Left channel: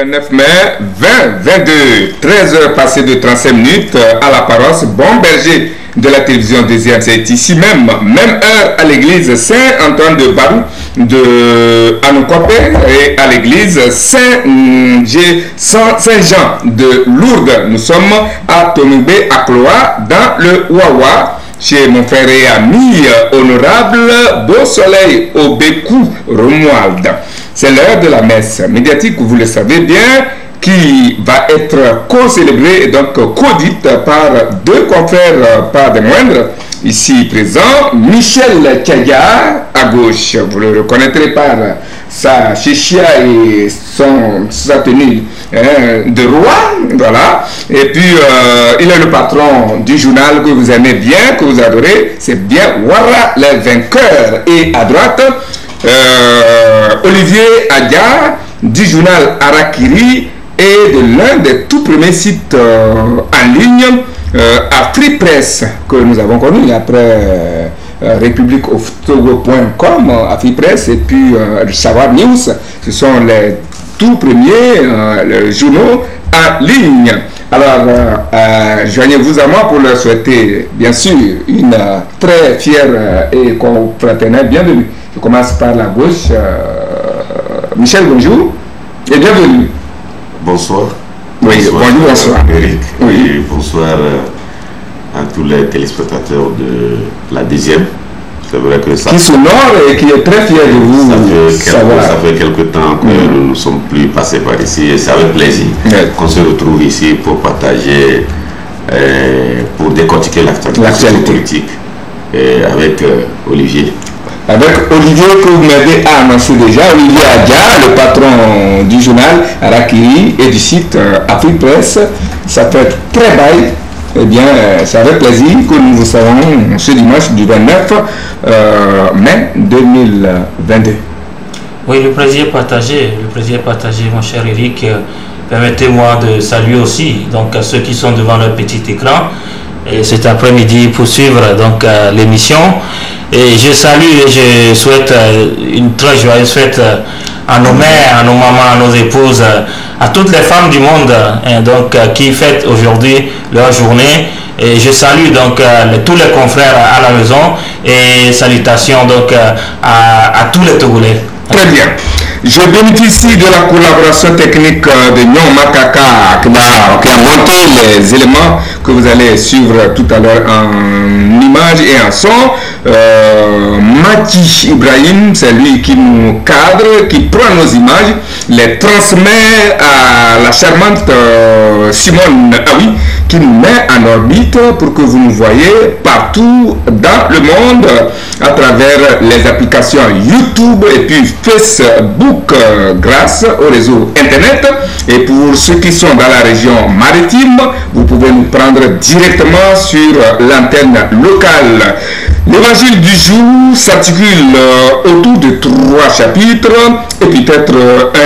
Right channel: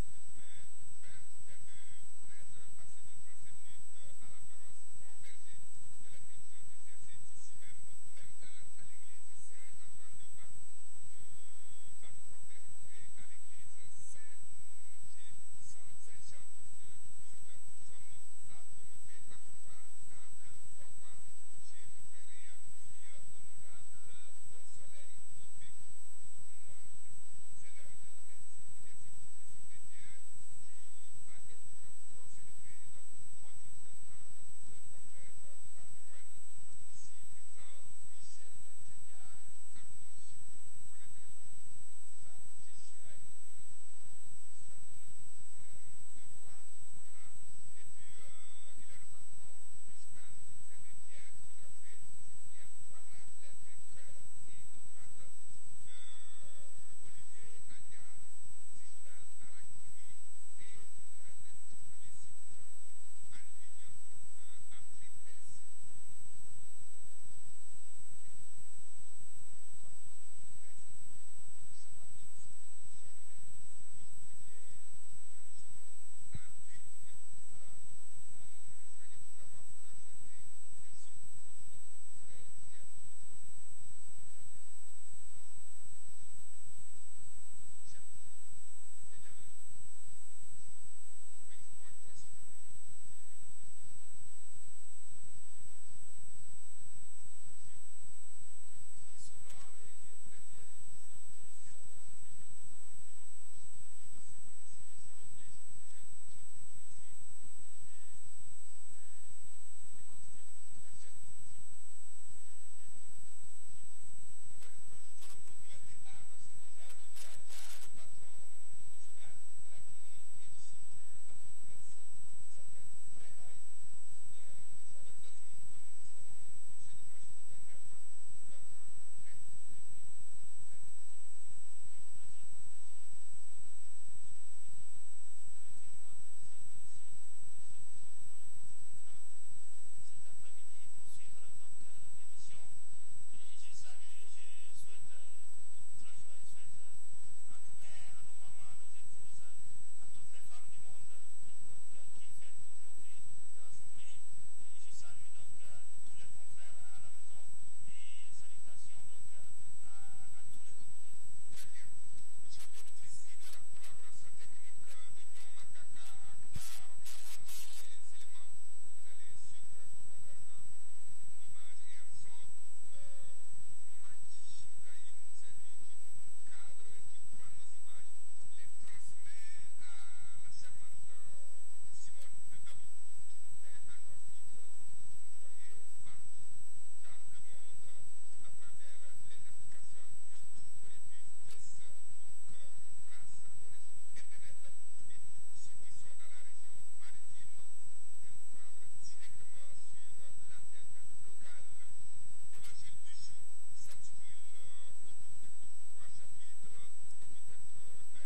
29 mai 2022, 13h passées de 35 minutes à la paroisse Bon Berger de la télévision deuxième. C'est ici même heure à l'église Saint-Antoine de Barou de Anoukopé et à l'église Saint-Jean de Lourdes. Nous sommes à Tonoubé, à Cloa, dans le Wawa, chez mon frère et ami honorable Beau Soleil Obékou Romuald. C'est l'heure de la messe médiatique, vous le savez bien, qui va être co-célébrée et donc co-dite par deux confrères, pas des moindres, ici présents. Michel Kaya, à gauche, vous le reconnaîtrez par sa chichia et sa tenue de roi, voilà. Et puis, il est le patron du journal que vous aimez bien, que vous adorez, c'est bien Wara, les vainqueurs. Et à droite, Olivier Adia, du journal Arakiri, et de l'un des tout premiers sites en ligne, AfriPress, que nous avons connu après republiqueoftogo.com, AfriPress, et puis Savoir News. Ce sont les tout premiers journaux en ligne. Alors, joignez-vous à moi pour leur souhaiter, bien sûr, une très fière et confraternelle bienvenue. Je commence par la gauche. Michel, bonjour et bienvenue. Bonsoir. Oui, bonjour, bonsoir. Eric. Oui. Et bonsoir à tous les téléspectateurs de la deuxième. C'est vrai que ça... Qui s'honore et qui est très fier de vous. Ça fait quelque temps que nous ne sommes plus passés par ici et c'est avec plaisir qu'on se retrouve ici pour partager, pour décortiquer l'actualité politique avec Olivier. Avec Olivier que vous m'avez annoncé déjà, Olivier Adia, le patron du journal Arakiri et du site AfriPress. Ça fait très bail. Eh bien, c'est avec plaisir que nous vous savons ce dimanche du 29 mai 2022. Oui, le plaisir partagé, mon cher Eric. Permettez-moi de saluer aussi donc, ceux qui sont devant leur petit écran et cet après-midi pour suivre donc, l'émission. Et je salue et je souhaite une très joyeuse fête à nos mères, à nos mamans, à nos épouses, à toutes les femmes du monde donc, qui fêtent aujourd'hui leur journée. Et je salue donc tous les confrères à la maison et salutations donc à tous les Togolais. Très bien. Je bénéficie de la collaboration technique de Nyon Makaka qui a monté les éléments que vous allez suivre tout à l'heure en images et en son. Mati Ibrahim, c'est lui qui nous cadre, qui prend nos images, les transmet à la charmante Simone Aoui, qui nous met en orbite pour que vous nous voyez partout dans le monde à travers les applications YouTube et puis Facebook grâce au réseau Internet. Et pour ceux qui sont dans la région maritime, vous pouvez nous prendre directement sur l'antenne locale. L'évangile du jour s'articule autour de 3 chapitres et peut-être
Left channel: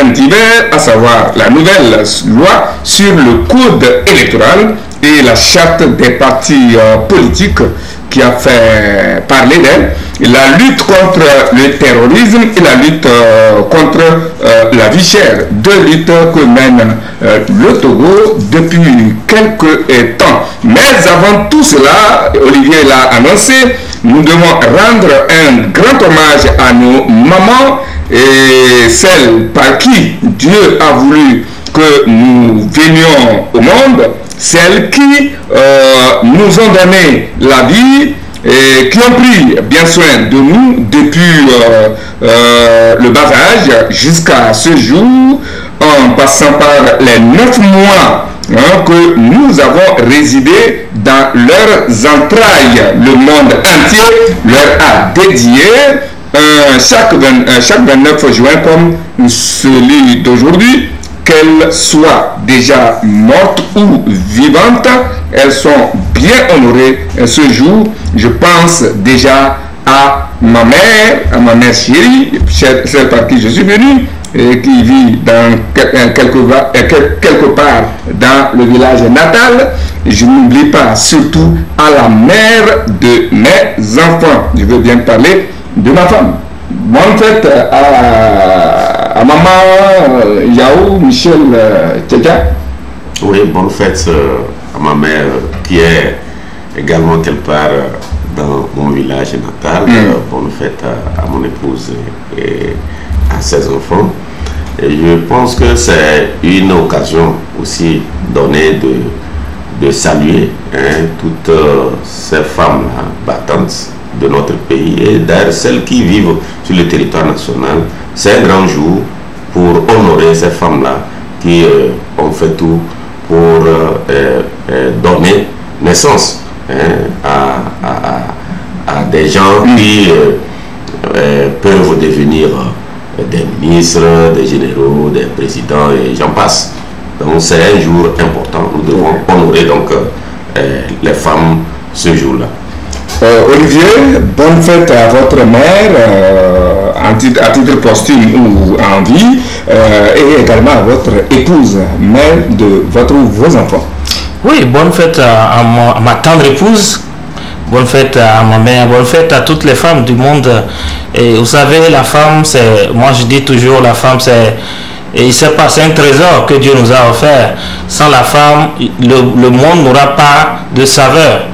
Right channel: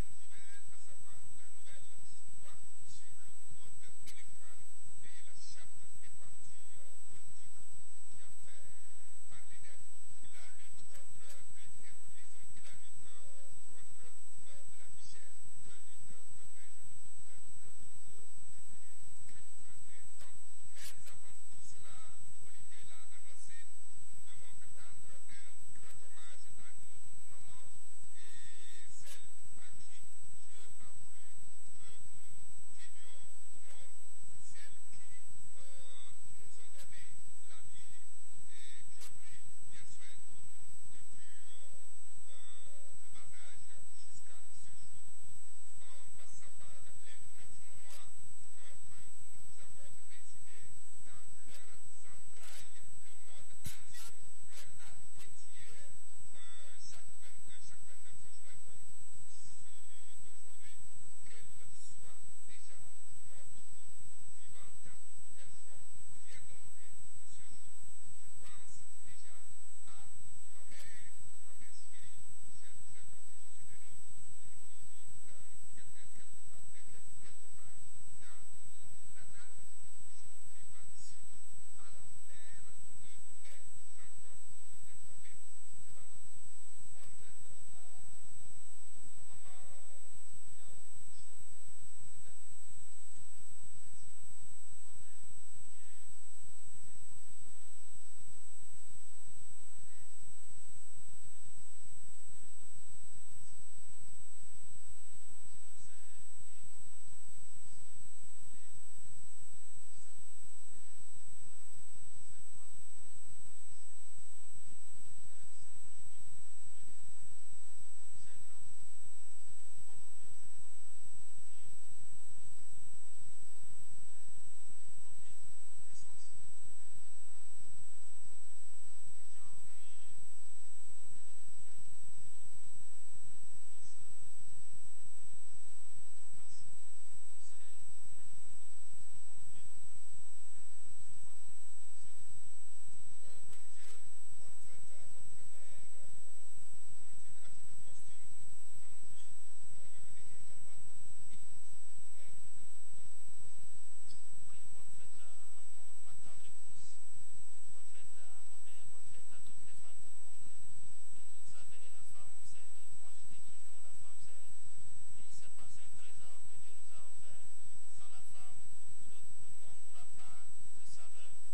un divers, à savoir la nouvelle loi sur le code électoral et la charte des partis politiques qui a fait parler d'elle, la lutte contre le terrorisme et la lutte contre la vie chère. 2 luttes que mène le Togo depuis quelques temps. Mais avant tout cela, Olivier l'a annoncé, nous devons rendre un grand hommage à nos mamans et celles par qui Dieu a voulu que nous venions au monde, celles qui nous ont donné la vie et qui ont pris bien soin de nous depuis le bas âge jusqu'à ce jour, en passant par les 9 mois que nous avons résidé dans leurs entrailles. Le monde entier leur a dédié chaque 29 juin comme celui d'aujourd'hui. Qu'elles soient déjà mortes ou vivantes, elles sont bien honorées ce jour. Je pense déjà à ma mère chérie, celle par qui je suis venu, et qui vit dans quelque part dans le village natal. Je n'oublie pas surtout à la mère de mes enfants. Je veux bien parler de ma femme. Bonne fête à à maman Yao, Michel Tega. Oui, bonne fête à ma mère qui est également quelque part dans mon village natal. Bonne fête à mon épouse et à ses enfants. Et je pense que c'est une occasion aussi donnée de saluer toutes ces femmes-là battantes de notre pays et d'ailleurs celles qui vivent sur le territoire national. C'est un grand jour pour honorer ces femmes-là qui ont fait tout pour donner naissance à des gens qui peuvent devenir des ministres, des généraux, des présidents et j'en passe. Donc c'est un jour important. Nous devons honorer donc les femmes ce jour-là. Olivier, bonne fête à votre mère à titre posthume ou en vie et également à votre épouse, mère de vos enfants. Oui, bonne fête à ma tendre épouse. Bonne fête à ma mère, bonne fête à toutes les femmes du monde. Et vous savez, la femme, c'est, moi je dis toujours, la femme, c'est, et c'est un trésor que Dieu nous a offert. Sans la femme, le monde n'aura pas de saveur.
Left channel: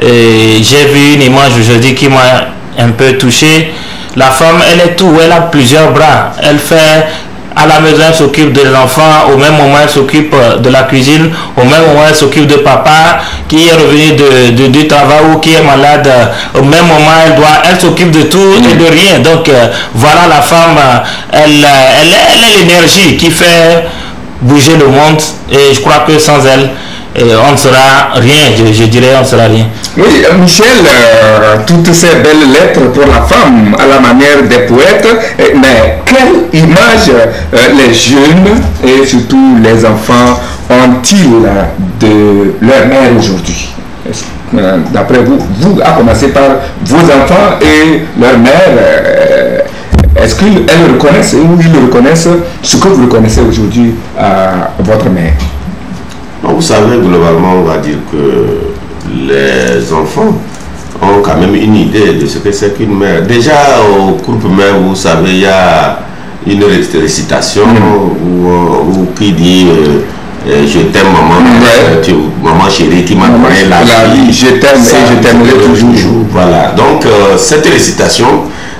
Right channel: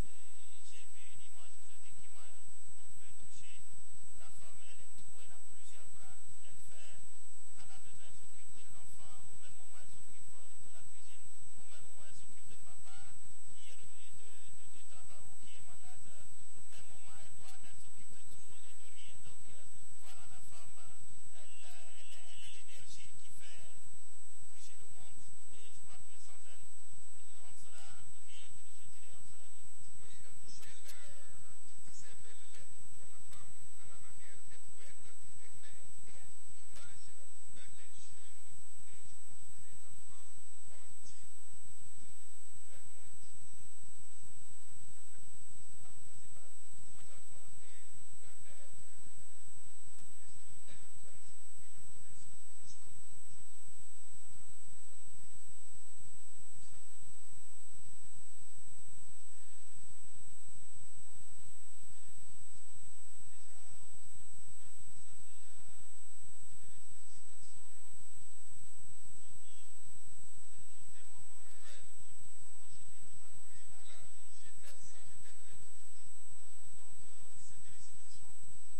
Et j'ai vu une image aujourd'hui qui m'a un peu touché. La femme, elle est tout, elle a plusieurs bras. Elle fait, à la maison, elle s'occupe des enfants, au même moment, elle s'occupe de la cuisine, au même moment, elle s'occupe de papa qui est revenu du travail ou qui est malade. Au même moment, elle s'occupe de tout et de rien. Donc, voilà, la femme, elle a l'énergie qui fait bouger le monde et je crois que sans elle, on ne sera rien, je dirais, on ne sera rien. Oui, Michel, toutes ces belles lettres pour la femme à la manière des poètes, mais quelle image les jeunes et surtout les enfants ont-ils de leur mère aujourd'hui? D'après vous, à commencer par vos enfants et leur mère, est-ce qu'ils reconnaissent ou ils reconnaissent ce que vous reconnaissez aujourd'hui à votre mère? Vous savez, globalement, on va dire que les enfants ont quand même une idée de ce que c'est qu'une mère. Déjà, au groupe mère, vous savez, il y a une récitation où qui dit je t'aime maman, maman chérie qui m'a donné la vie. Je t'aime et je t'aimerai toujours. Voilà, donc cette récitation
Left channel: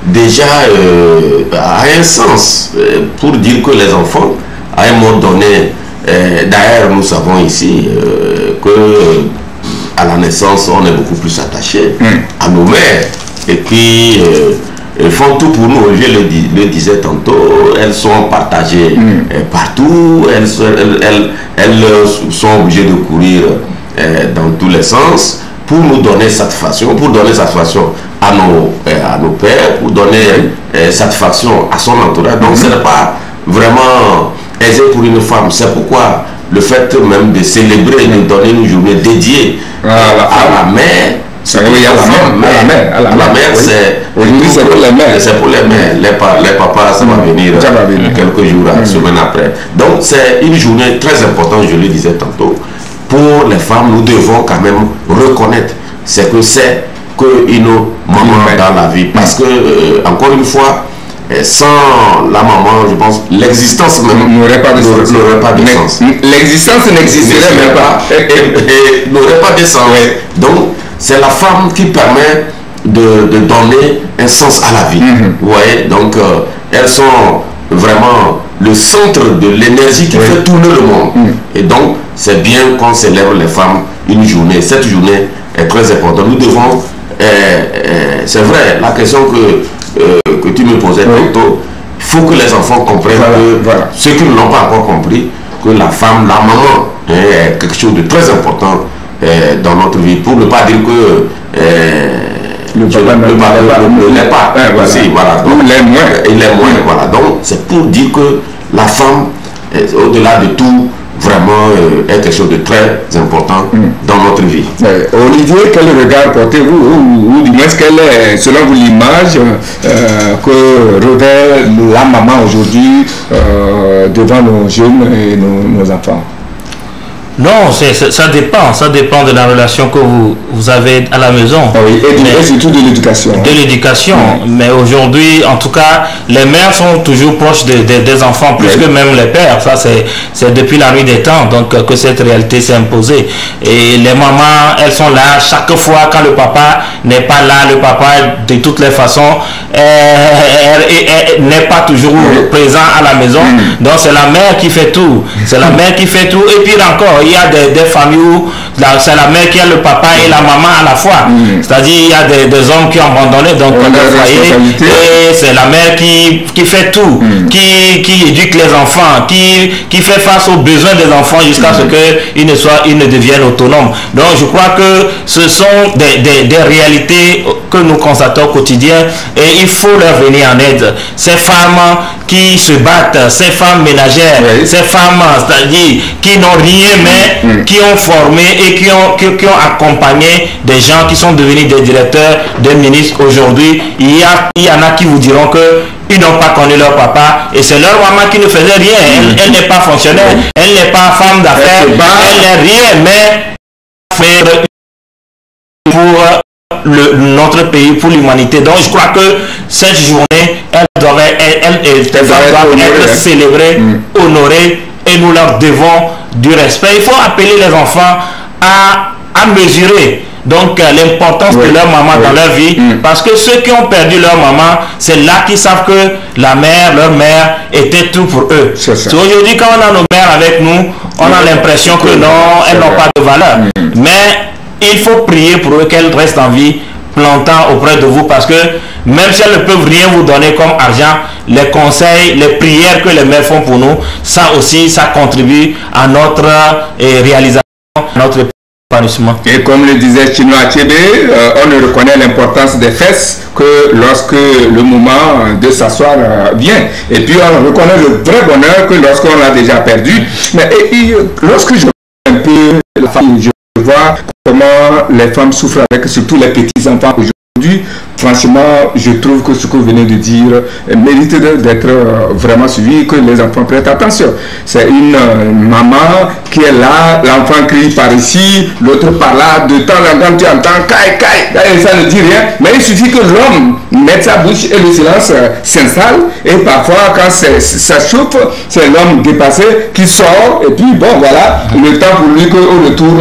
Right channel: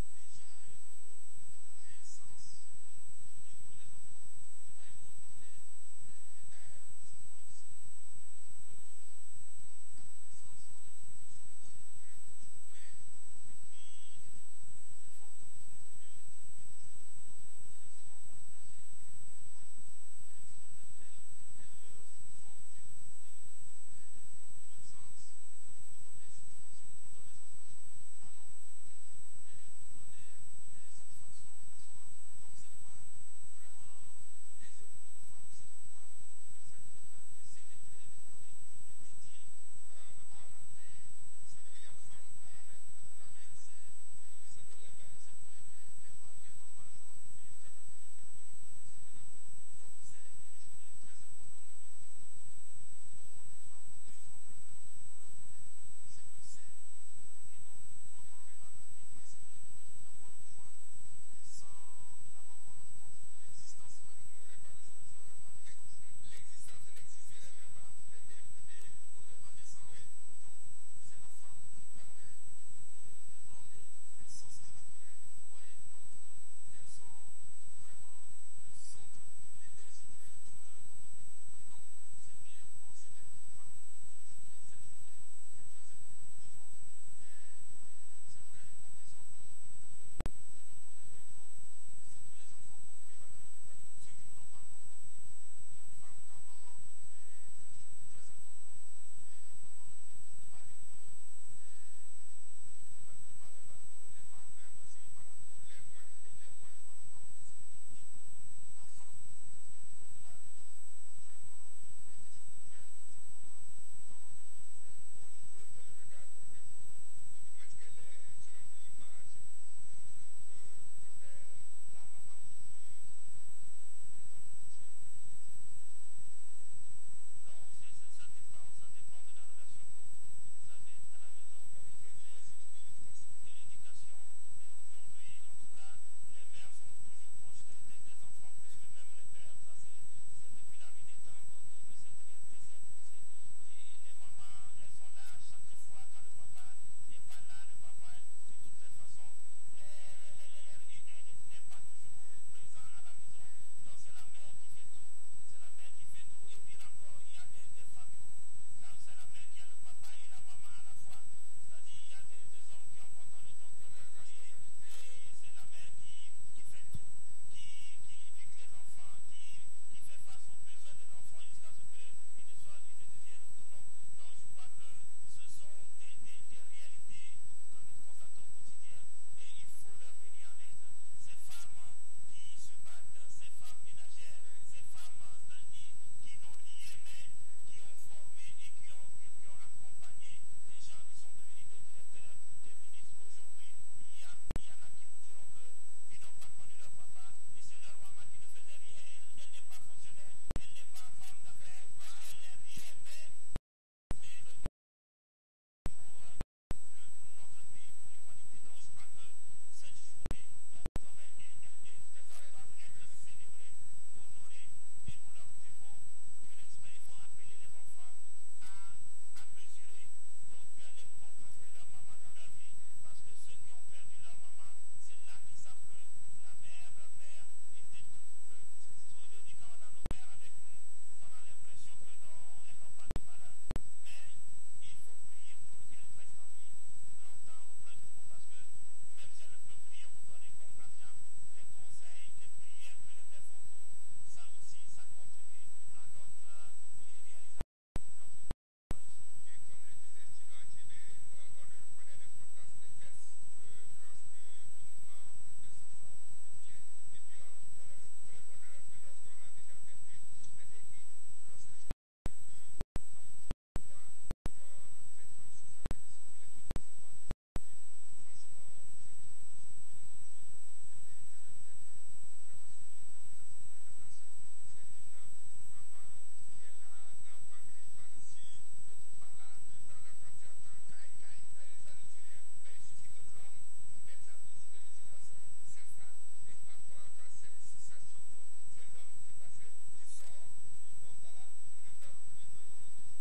déjà a un sens pour dire que les enfants, à un moment donné, d'ailleurs, nous savons ici que à la naissance, on est beaucoup plus attaché à nos mères. Et puis, elles font tout pour nous. Je le disais tantôt, elles sont partagées partout. Elles sont obligées de courir dans tous les sens pour nous donner satisfaction, à nos pères, pour donner satisfaction à son entourage. Donc, ce n'est pas vraiment aisé pour une femme. C'est pourquoi le fait même de célébrer, de donner une journée dédiée à la mère, c'est pour la mère, c'est pour les mères. C'est pour les mères. Les papas, ça va venir quelques jours, semaine après. Donc c'est une journée très importante, je le disais tantôt. Pour les femmes, nous devons quand même reconnaître ce que c'est qu'une maman dans la vie. Parce que, encore une fois, sans la maman, je pense, l'existence même n'aurait pas de sens. L'existence n'existerait même pas. Et n'aurait pas de sens. Donc, c'est la femme qui permet de donner un sens à la vie. Vous voyez, donc, elles sont vraiment le centre de l'énergie qui fait tourner le monde. Et donc, c'est bien qu'on célèbre les femmes une journée. Cette journée est très importante. Nous devons, c'est vrai, la question que tu me posais tantôt, il faut que les enfants comprennent ceux qui ne l'ont pas encore compris, que la femme, la maman, est quelque chose de très important dans notre vie, pour ne pas dire que le papa ne l'est pas. Il est moins. Voilà. Donc c'est pour dire que la femme, au-delà de tout, vraiment est quelque chose de très important dans notre vie. Olivier, quel regard portez-vous, ou du moins quelle est, selon vous, l'image que revêt la maman aujourd'hui devant nos jeunes et nos enfants? Non, ça dépend de la relation que vous avez à la maison. Ah oui, et surtout de l'éducation. De l'éducation, mais aujourd'hui, en tout cas, les mères sont toujours proches des enfants, plus que même les pères. Ça, c'est depuis la nuit des temps, donc que cette réalité s'est imposée. Et les mamans, elles sont là chaque fois quand le papa n'est pas là. Le papa, de toutes les façons, n'est pas toujours présent à la maison. Donc c'est la mère qui fait tout. C'est la mère qui fait tout. Et puis encore, il y a des familles où c'est la mère qui a le papa et la maman à la fois. C'est-à-dire il y a des hommes qui ont abandonné donc leur foyer, et c'est la mère qui fait tout, qui éduque les enfants, qui fait face aux besoins des enfants jusqu'à ce qu'ils ne deviennent autonomes. Donc je crois que ce sont des réalités que nous constatons au quotidien, et il faut leur venir en aide. Ces femmes qui se battent, ces femmes ménagères, ces femmes, c'est-à-dire qui n'ont rien, mais qui ont formé et qui ont accompagné des gens qui sont devenus des directeurs, des ministres aujourd'hui. Il y en a qui vous diront que ils n'ont pas connu leur papa, et c'est leur maman qui ne faisait rien. Elle n'est pas fonctionnaire, elle n'est pas femme d'affaires, elle n'est rien, mais pour notre pays, pour l'humanité. Donc je crois que cette journée, elle doit être célébrée, honorée, et nous leur devons du respect. Il faut appeler les enfants à mesurer donc l'importance de leur maman dans leur vie, parce que ceux qui ont perdu leur maman, c'est là qu'ils savent que leur mère était tout pour eux. Aujourd'hui, quand on a nos mères avec nous, on a l'impression que non, elles n'ont pas de valeur. Mais il faut prier pour eux qu'elles restent en vie longtemps auprès de vous, parce que même si elles ne peuvent rien vous donner comme argent, les conseils, les prières que les mères font pour nous, ça aussi, ça contribue à notre réalisation, à notre épanouissement. Et comme le disait Chino Achebe, on ne reconnaît l'importance des fesses que lorsque le moment de s'asseoir vient. Et puis on reconnaît le vrai bonheur que lorsqu'on l'a déjà perdu. Mais lorsque je vois un peu la famille, je vois comment les femmes souffrent avec surtout les petits-enfants aujourd'hui. Franchement, je trouve que ce que vous venez de dire mérite d'être vraiment suivi, que les enfants prêtent attention. C'est une maman qui est là, l'enfant crie par ici, l'autre par là, de temps en temps tu entends caille, caille, ça ne dit rien, mais il suffit que l'homme mette sa bouche et le silence s'installe, et parfois quand ça chauffe, c'est l'homme dépassé qui sort, et puis bon voilà, le temps pour lui qu'au retour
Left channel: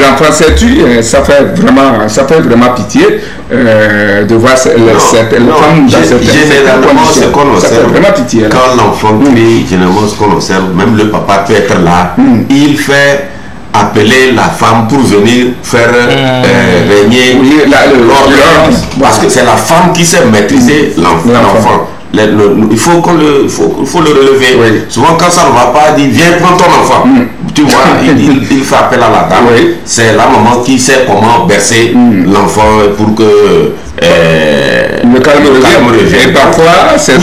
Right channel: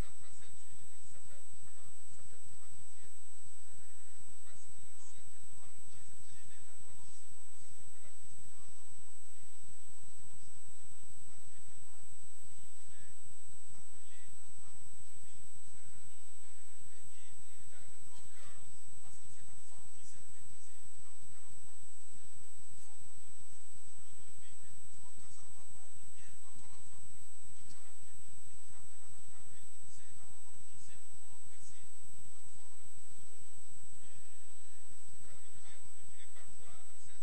l'enfant s'est tué. Ça fait vraiment pitié de voir les femmes dans cette généralement ce qu'on observe, pitié, quand l'enfant crie, généralement ce qu'on observe, même le papa peut être là, il fait appeler la femme pour venir faire régner l'ordre, parce que c'est la femme qui sait maîtriser l'enfant. Il faut le relever. Souvent quand ça ne va pas, il dit viens prendre ton enfant. Tu vois, il fait appel à la dame. C'est la maman qui sait comment bercer l'enfant pour que le calme revienne. Et parfois c'est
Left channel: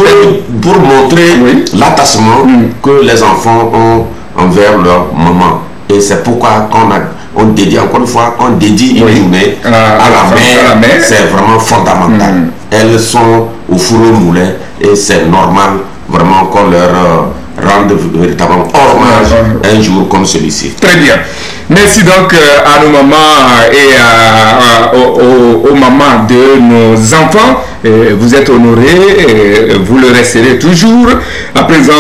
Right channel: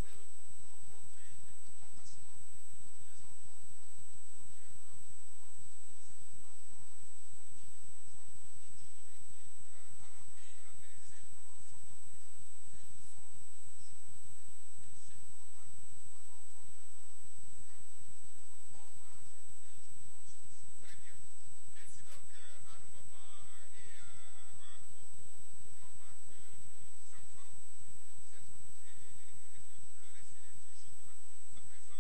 pour montrer l'attachement que les enfants ont envers leur maman. Et c'est pourquoi on dédie, encore une fois, on dédie une journée à la mère. C'est vraiment fondamental. Elles sont au four au moulin, et c'est normal vraiment qu'on leur rendre véritablement hommage un jour comme celui-ci. Très bien. Merci donc à nos mamans et aux mamans de nos enfants. Vous êtes honorés, vous le resterez toujours. À présent,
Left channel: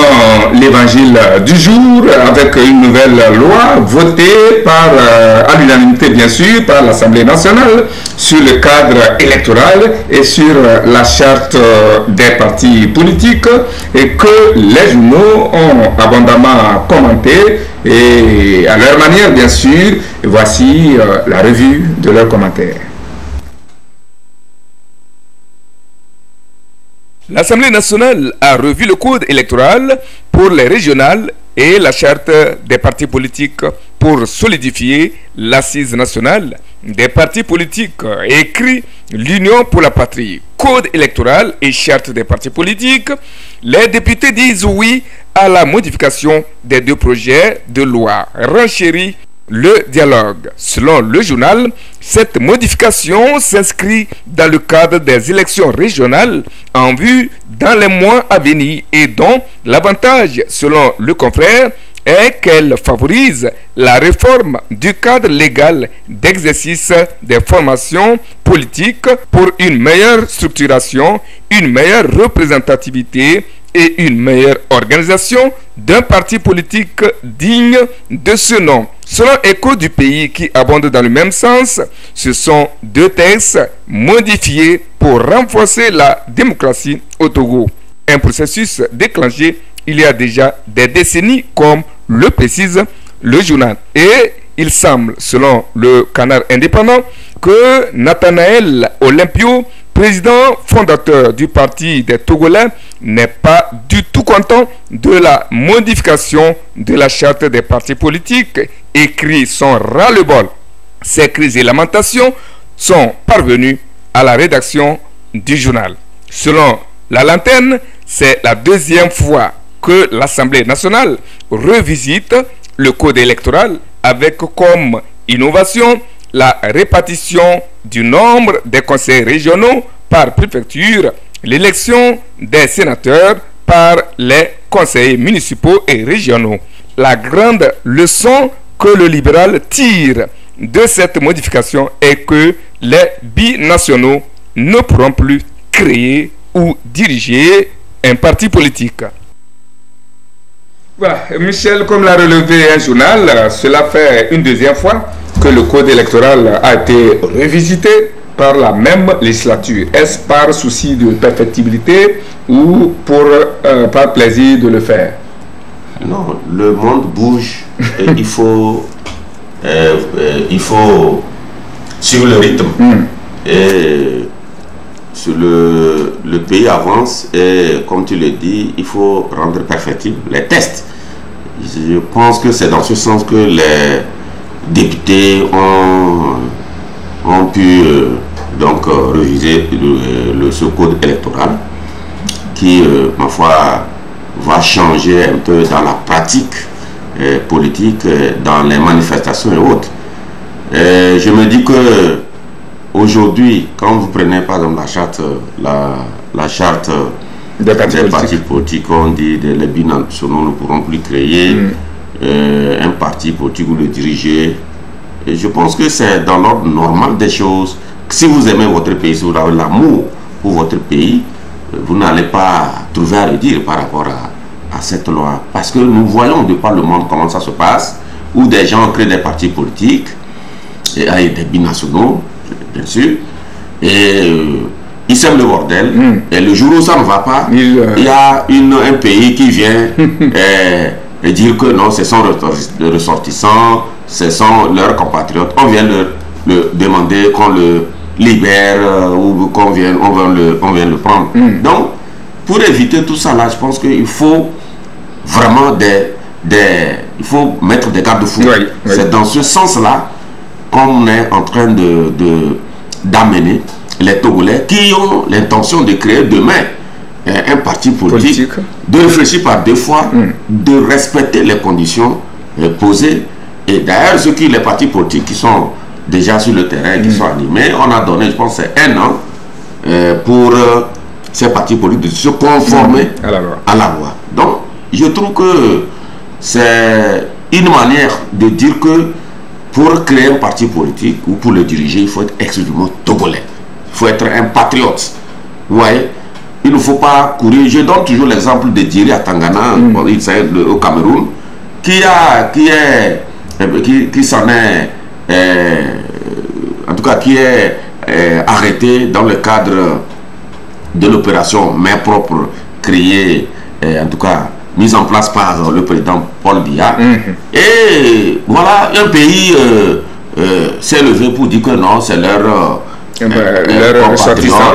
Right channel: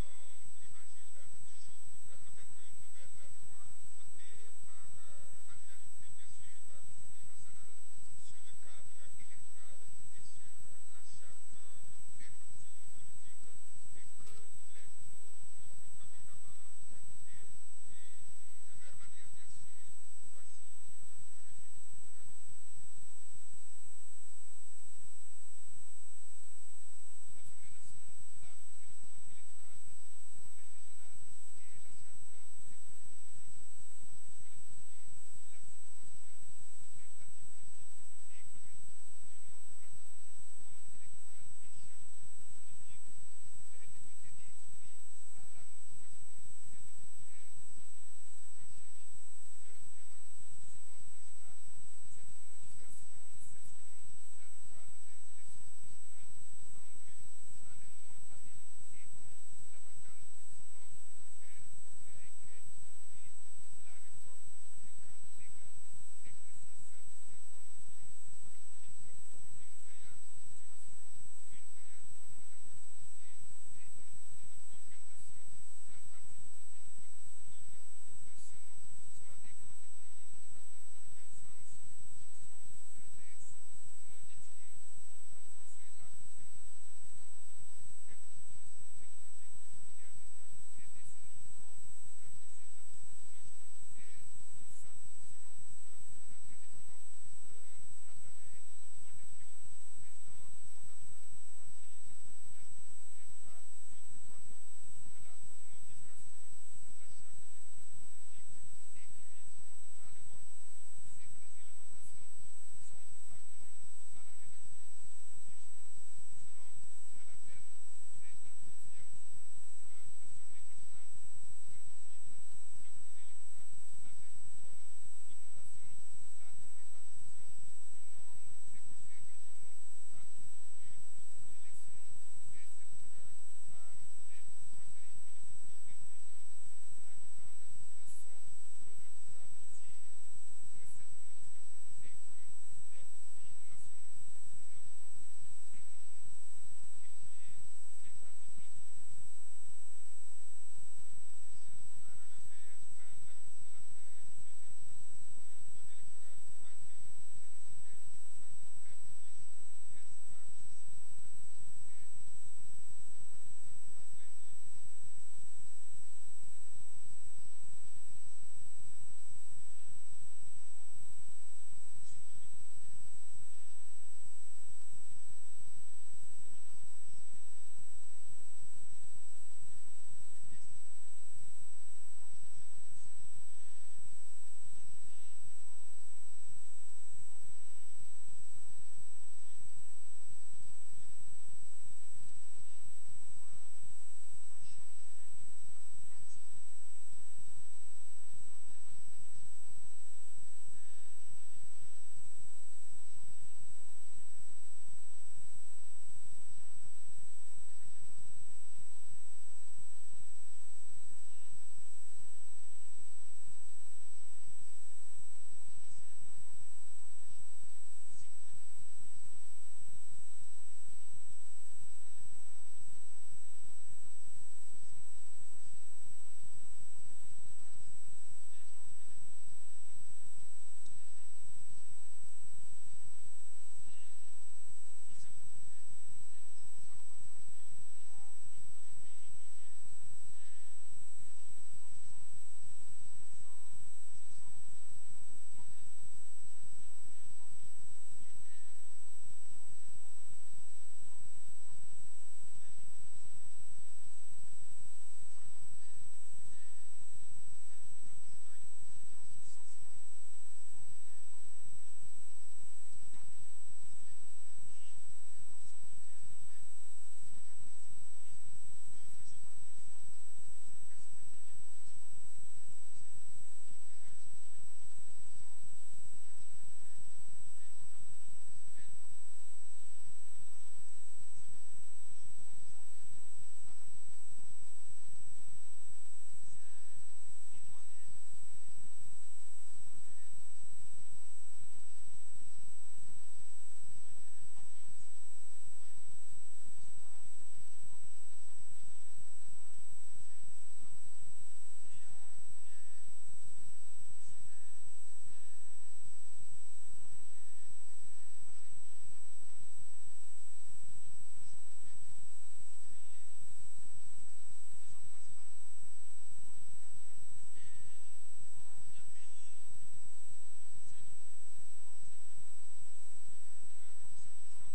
l'évangile du jour avec une nouvelle loi votée à l'unanimité bien sûr par l'Assemblée nationale sur le cadre électoral et sur la charte des partis politiques, et que les journaux ont abondamment commenté, et à leur manière bien sûr. Voici la revue de leurs commentaires. L'Assemblée nationale a revu le code électoral pour les régionales et la charte des partis politiques pour solidifier l'assise nationale des partis politiques, écrit l'Union pour la patrie. Code électoral et charte des partis politiques, les députés disent oui à la modification des deux projets de loi. Renchérit le dialogue. Selon le journal, cette modification s'inscrit dans le cadre des élections régionales en vue dans les mois à venir, et dont l'avantage, selon le confrère, est qu'elle favorise la réforme du cadre légal d'exercice des formations politiques pour une meilleure structuration, une meilleure représentativité et une meilleure organisation d'un parti politique digne de ce nom. Selon Écho du pays qui abonde dans le même sens, ce sont 2 textes modifiés pour renforcer la démocratie au Togo. Un processus déclenché il y a déjà des décennies, comme le précise le journal. Et il semble, selon le Canard indépendant, que Nathanaël Olympio, président fondateur du parti des Togolais, n'est pas du tout content de la modification de la charte des partis politiques et crie son ras-le-bol. Ces cris et lamentations sont parvenus à la rédaction du journal. Selon la Lanterne, c'est la 2e fois que l'Assemblée nationale revisite le code électoral avec comme innovation la répartition du nombre des conseils régionaux par préfecture, l'élection des sénateurs par les conseillers municipaux et régionaux. La grande leçon que le libéral tire de cette modification est que les binationaux ne pourront plus créer ou diriger un parti politique. Voilà, Michel, comme l'a relevé un journal, cela fait une 2e fois que le code électoral a été revisité par la même législature. Est-ce par souci de perfectibilité ou par plaisir de le faire? Non, le monde bouge et il faut suivre le rythme. Et sur le pays avance et comme tu le dis, il faut rendre perfectible les tests. Je pense que c'est dans ce sens que les députés ont pu donc réviser ce code électoral qui, ma foi, va changer un peu dans la pratique politique, dans les manifestations et autres. Je me dis que aujourd'hui, quand vous prenez par exemple la charte des partis politiques, on dit que les binationaux ne pourront plus créer un parti politique ou le diriger. Et je pense que c'est dans l'ordre normal des choses. Si vous aimez votre pays, si vous avez l'amour pour votre pays, vous n'allez pas trouver à redire par rapport à cette loi. Parce que nous voyons de par le monde comment ça se passe, où des gens créent des partis politiques, et avec des binationaux, bien sûr, et ils sèment le bordel, et le jour où ça ne va pas, il y a un pays qui vient et dire que non, ce sont les ressortissants, ce sont leurs compatriotes, on vient leur demander qu'on le libère ou qu'on vienne, on vient le prendre. Donc, pour éviter tout ça là, je pense qu'il faut vraiment il faut mettre des garde-fous. C'est dans ce sens-là qu'on est en train d'amener les Togolais qui ont l'intention de créer demain un parti politique, de réfléchir par 2 fois, de respecter les conditions posées. Et d'ailleurs, les partis politiques qui sont déjà sur le terrain, qui sont animés, on a donné, je pense, 1 an pour ces partis politiques de se conformer à la loi. Donc, je trouve que c'est une manière de dire que pour créer un parti politique ou pour le diriger, il faut être exclusivement togolais. Il faut être un patriote. Vous voyez, il ne faut pas courir. Je donne toujours l'exemple de Diri à Tangana, au Cameroun, qui s'en est, en tout cas, qui est arrêté dans le cadre de l'opération Main propre créée, en tout cas, mise en place par le président Paul Biya. Et voilà, un pays s'est levé pour dire que non, c'est leur ressortissants,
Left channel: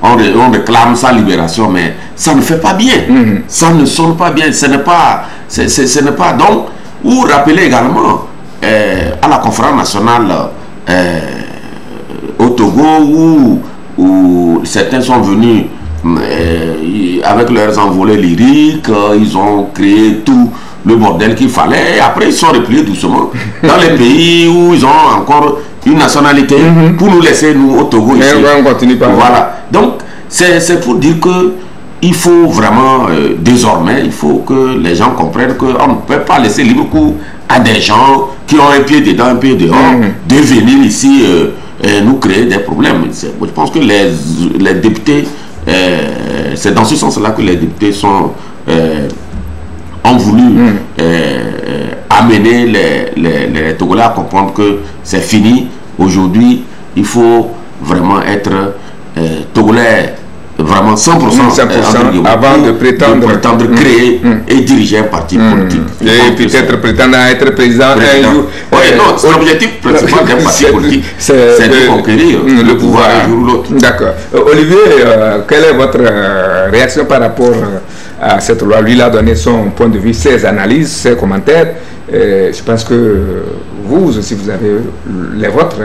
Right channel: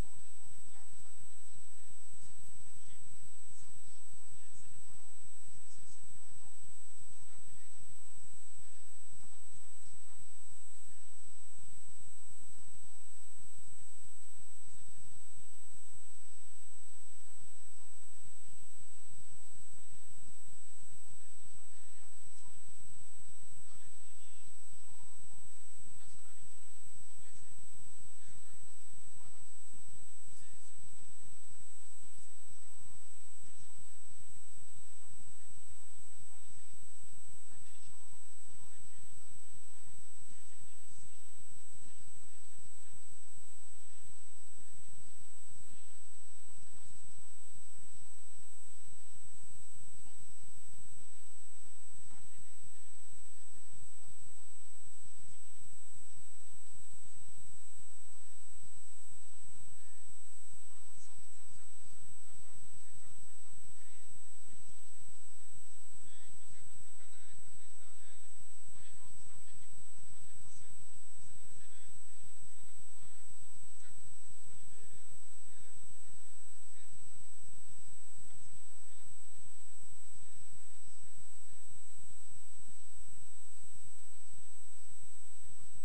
on réclame sa libération, mais ça ne fait pas bien. Ça ne sonne pas bien. Ce n'est pas, donc, ou rappeler également à la conférence nationale au Togo où certains sont venus avec leurs envolées lyriques, ils ont créé tout le bordel qu'il fallait, et après ils sont repliés doucement dans les pays où ils ont encore une nationalité pour nous laisser, nous, au Togo, ici. On continue pas. Voilà. Donc, c'est pour dire que il faut vraiment, désormais, il faut que les gens comprennent qu'on ne peut pas laisser libre cours à des gens qui ont un pied dedans, un pied dehors, de venir ici nous créer des problèmes. Je pense que les députés, c'est dans ce sens-là que les députés ont voulu amener les Togolais à comprendre que c'est fini. Aujourd'hui, il faut vraiment être Togolais, vraiment 100%, avant de prétendre créer et diriger un parti politique. Et peut-être prétendre à être président un jour. Non, l'objectif principal d'un parti politique, c'est de conquérir le pouvoir un jour ou l'autre. D'accord. Olivier, quelle est votre réaction par rapport à cette loi? Lui, il a donné son point de vue, ses analyses, ses commentaires. Je pense que vous aussi, vous avez les vôtres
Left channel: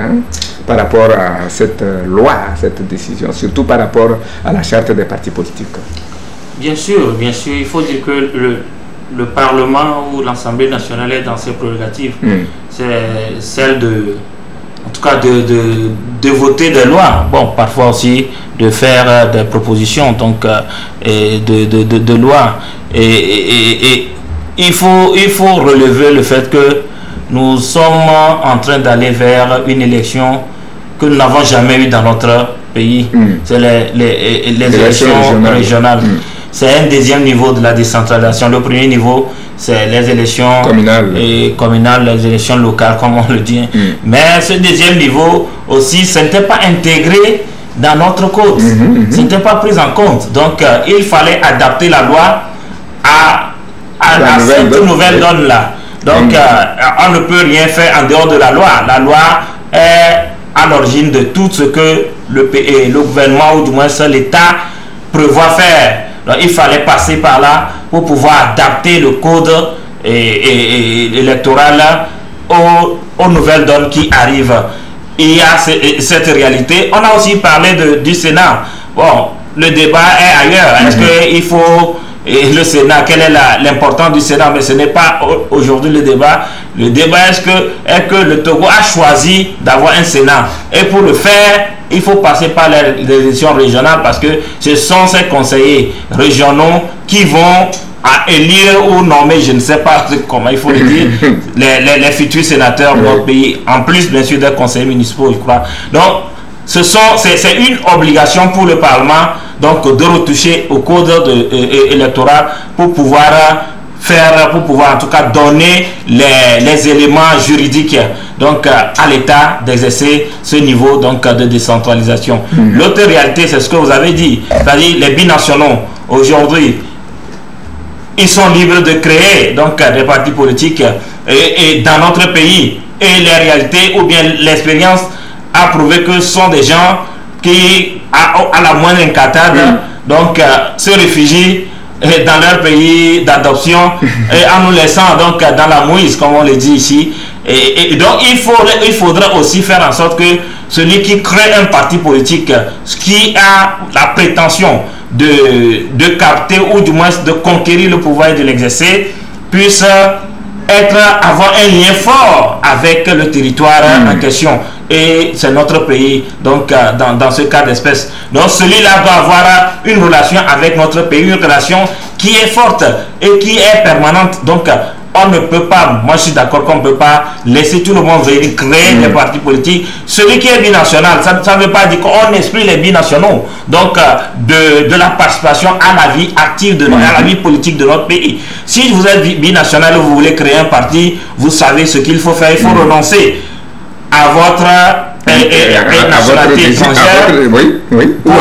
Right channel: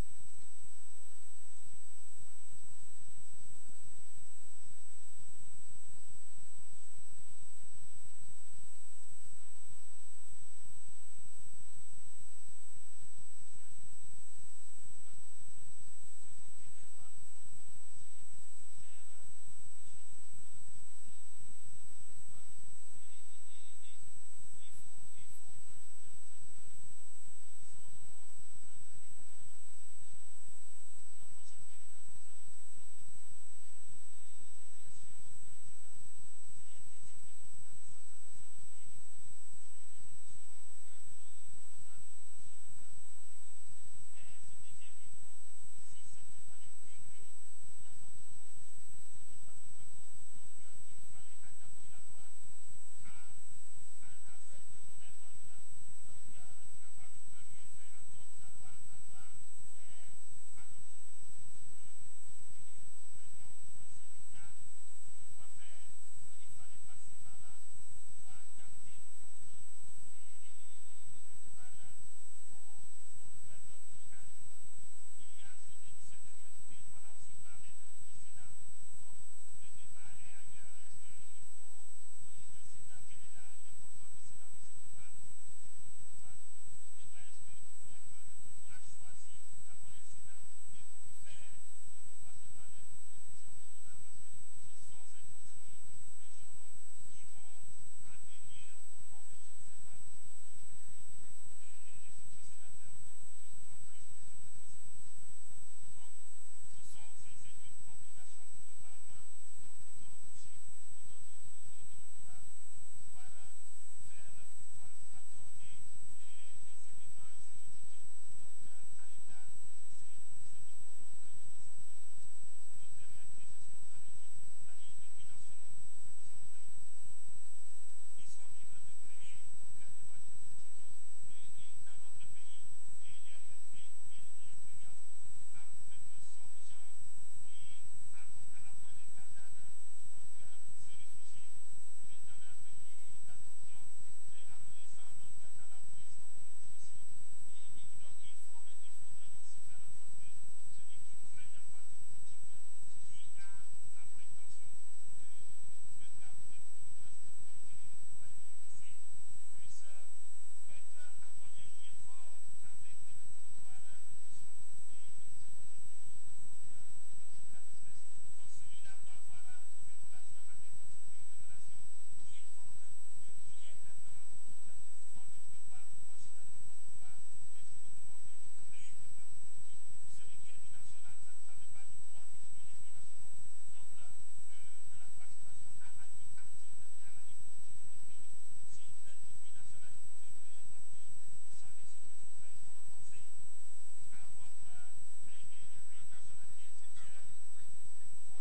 par rapport à cette loi, à cette décision, surtout par rapport à la charte des partis politiques. Bien sûr, il faut dire que le Parlement ou l'Assemblée nationale est dans ses prérogatives. C'est celle en tout cas de voter des lois. Bon, parfois aussi de faire des propositions donc, de lois. Et il faut relever le fait que nous sommes en train d'aller vers une élection que nous n'avons jamais eue dans notre pays. C'est les élections régionales. C'est un deuxième niveau de la décentralisation. Le premier niveau, c'est les élections communales, les élections locales, comme on le dit. Mais ce deuxième niveau aussi, ce n'était pas intégré dans notre code. Ce n'était pas pris en compte. Donc, il fallait adapter la loi à cette nouvelle donne-là. Donc, on ne peut rien faire en dehors de la loi. La loi est à l'origine de tout ce que le gouvernement ou du moins l'État prévoit faire. Donc, il fallait passer par là pour pouvoir adapter le code électoral aux nouvelles donnes qui arrivent. Il y a cette réalité. On a aussi parlé du Sénat. Bon, le débat est ailleurs. Est-ce qu'il faut... Et le Sénat, quelle est l'importance du Sénat? Mais ce n'est pas aujourd'hui le débat. Le débat est que le Togo a choisi d'avoir un Sénat. Et pour le faire, il faut passer par les élections régionales parce que ce sont ces conseillers régionaux qui vont à élire ou nommer, je ne sais pas comment il faut le dire, les futurs sénateurs de notre pays, en plus bien sûr des conseillers municipaux, je crois. Donc, c'est une obligation pour le Parlement donc de retoucher au code électoral pour pouvoir en tout cas donner les éléments juridiques donc à l'État d'exercer ce niveau donc de décentralisation. L'autre réalité, c'est ce que vous avez dit, c'est-à-dire les binationaux aujourd'hui, ils sont libres de créer donc des partis politiques et dans notre pays, et les réalités ou bien l'expérience a prouvé que ce sont des gens qui, à la moindre incartade, donc se réfugient dans leur pays d'adoption et en nous laissant donc dans la mouise, comme on le dit ici. Et donc il faudrait aussi faire en sorte que celui qui crée un parti politique, qui a la prétention de capter ou du moins de conquérir le pouvoir et de l'exercer, puisse avoir un lien fort avec le territoire en question. Et c'est notre pays, donc dans ce cas d'espèce. Donc celui-là doit avoir une relation avec notre pays, une relation qui est forte et qui est permanente. Donc on ne peut pas, moi je suis d'accord qu'on ne peut pas laisser tout le monde venir créer des partis politiques. Celui qui est binational, ça ne veut pas dire qu'on exclut les binationaux donc de la participation à la vie active, à la vie politique de notre pays. Si vous êtes binational et vous voulez créer un parti, vous savez ce qu'il faut faire. Il faut renoncer à votre nationalité étrangère pour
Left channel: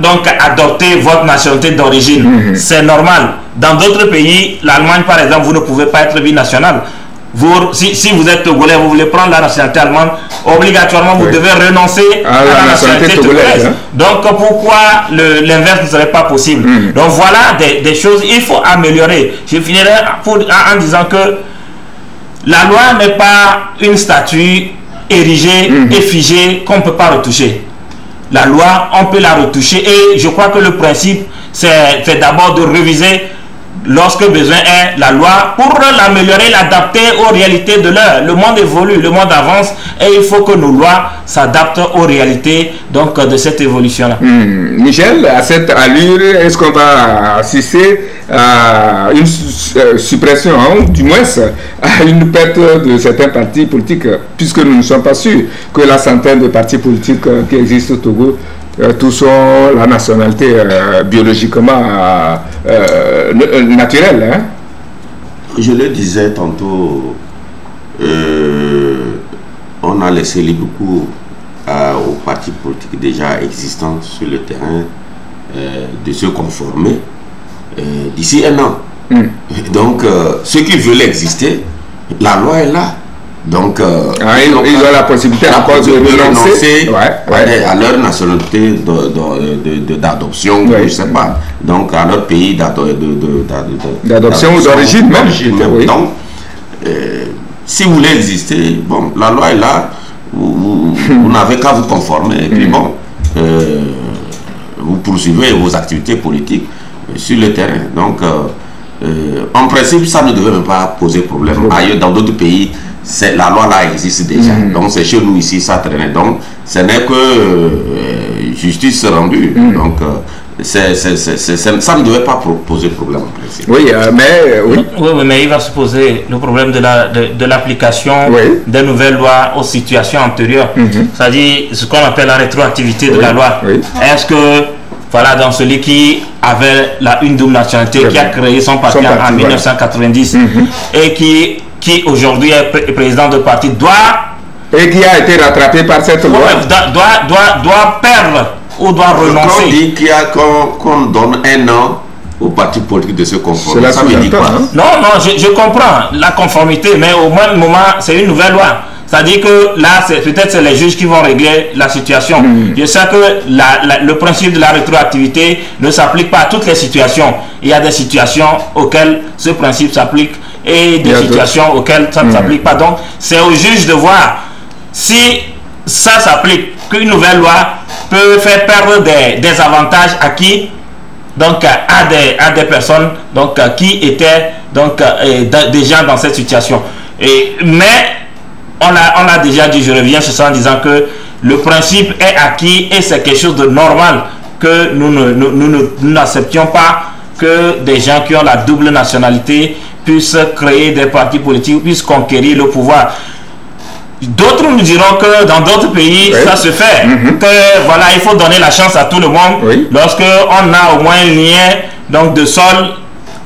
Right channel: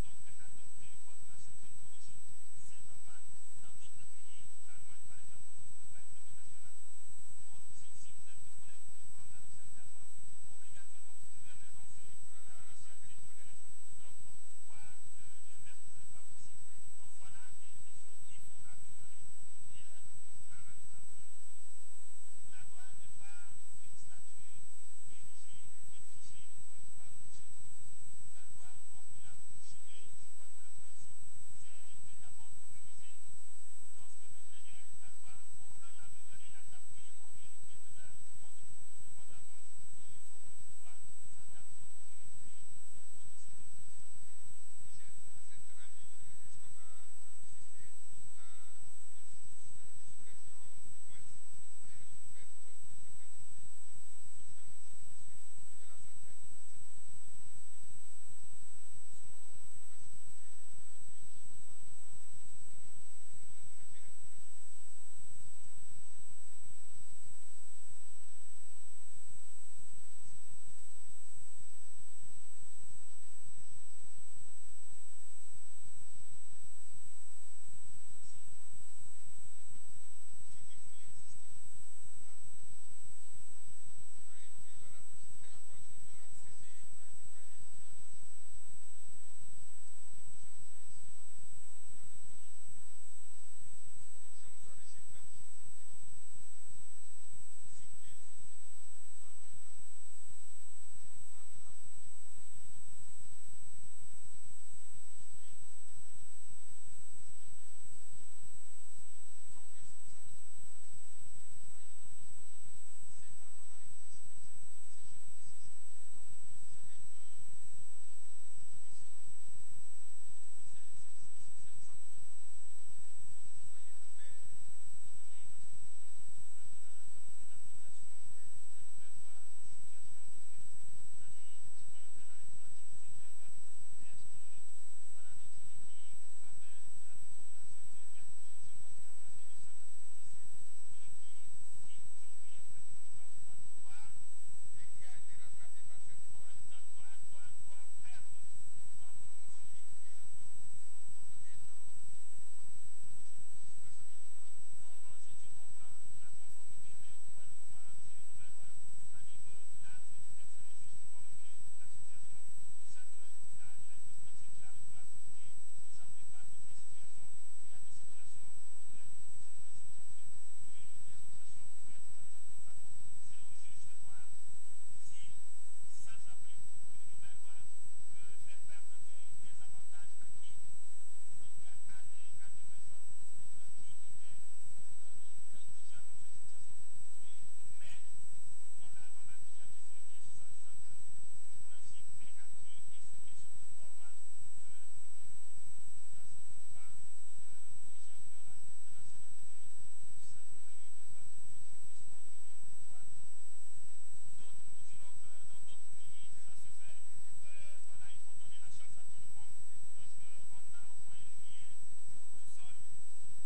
donc adopter votre nationalité d'origine. C'est normal. Dans d'autres pays, l'Allemagne par exemple, vous ne pouvez pas être binational. Si vous êtes togolais, vous voulez prendre la nationalité allemande, obligatoirement vous devez renoncer à la nationalité togolaise. Donc pourquoi l'inverse ne serait pas possible? Donc voilà des choses il faut améliorer. Je finirai en disant que la loi n'est pas une statue érigée et figée qu'on ne peut pas retoucher. La loi, on peut la retoucher et je crois que le principe c'est d'abord de réviser lorsque besoin est, la loi pour l'améliorer, l'adapter aux réalités de l'heure. Le monde évolue, le monde avance et il faut que nos lois s'adaptent aux réalités donc, de cette évolution-là. Michel, à cette allure, est-ce qu'on va assister à une suppression, du moins à une perte de certains partis politiques, puisque nous ne sommes pas sûrs que la centaine de partis politiques qui existent au Togo tous ont la nationalité biologiquement naturelle. Hein? Je le disais tantôt, on a laissé libre cours aux partis politiques déjà existants sur le terrain de se conformer d'ici un an. Donc, ceux qui veulent exister, la loi est là. Donc, ils ont la possibilité encore de renoncer à leur nationalité d'adoption, je ne sais pas. Donc, à leur pays d'adoption ou d'origine même. Oui. Donc, si vous voulez exister, bon, la loi est là, vous n'avez qu'à vous conformer. Et puis bon, vous poursuivez vos activités politiques sur le terrain. Donc, en principe, ça ne devait même pas poser problème. Ailleurs, dans d'autres pays, la loi là existe déjà. Donc c'est chez nous ici, ça traîne. Donc ce n'est que justice rendue. Donc ça ne devait pas poser problème en principe. Oui, mais il va se poser le problème de l'application des nouvelles lois aux situations antérieures. C'est-à-dire ce qu'on appelle la rétroactivité de la loi. Est-ce que voilà, dans celui qui avait une double nationalité, qui a créé son parti en 1990 et qui aujourd'hui est président de parti, et qui a été rattrapé par cette loi, doit perdre ou doit renoncer. On dit qu'on donne un an au parti politique de se conformer. Ça veut dire quoi? Non, je comprends la conformité, mais au même moment, c'est une nouvelle loi. C'est-à-dire que là, peut-être c'est les juges qui vont régler la situation. Je sais que le principe de la rétroactivité ne s'applique pas à toutes les situations. Il y a des situations auxquelles ce principe s'applique et des situations auxquelles ça ne s'applique pas. Donc, c'est au juge de voir si ça s'applique, qu'une nouvelle loi peut faire perdre des avantages acquis donc, à des personnes donc, qui étaient donc, déjà dans cette situation. Mais on a déjà dit, je reviens sur ça en disant que le principe est acquis et c'est quelque chose de normal que nous n'acceptions pas que des gens qui ont la double nationalité puissent créer des partis politiques, puissent conquérir le pouvoir. D'autres nous diront que dans d'autres pays, ça se fait. Que voilà, il faut donner la chance à tout le monde. Lorsque on a au moins un lien donc, de sol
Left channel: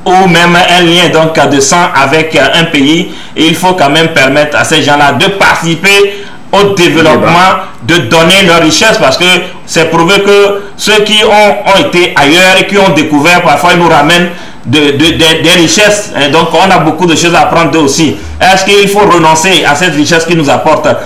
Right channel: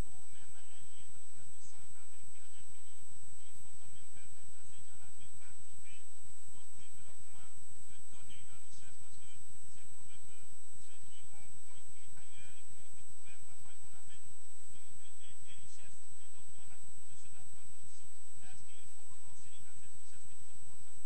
ou même un lien donc, de sang avec un pays, et il faut quand même permettre à ces gens-là de participer au développement, de donner leur richesse, parce que c'est prouvé que ceux qui ont été ailleurs et qui ont découvert, parfois ils nous ramènent des richesses, et donc on a beaucoup de choses à apprendre d'eux aussi. Est-ce qu'il faut renoncer à cette richesse qu'ils nous apportent, à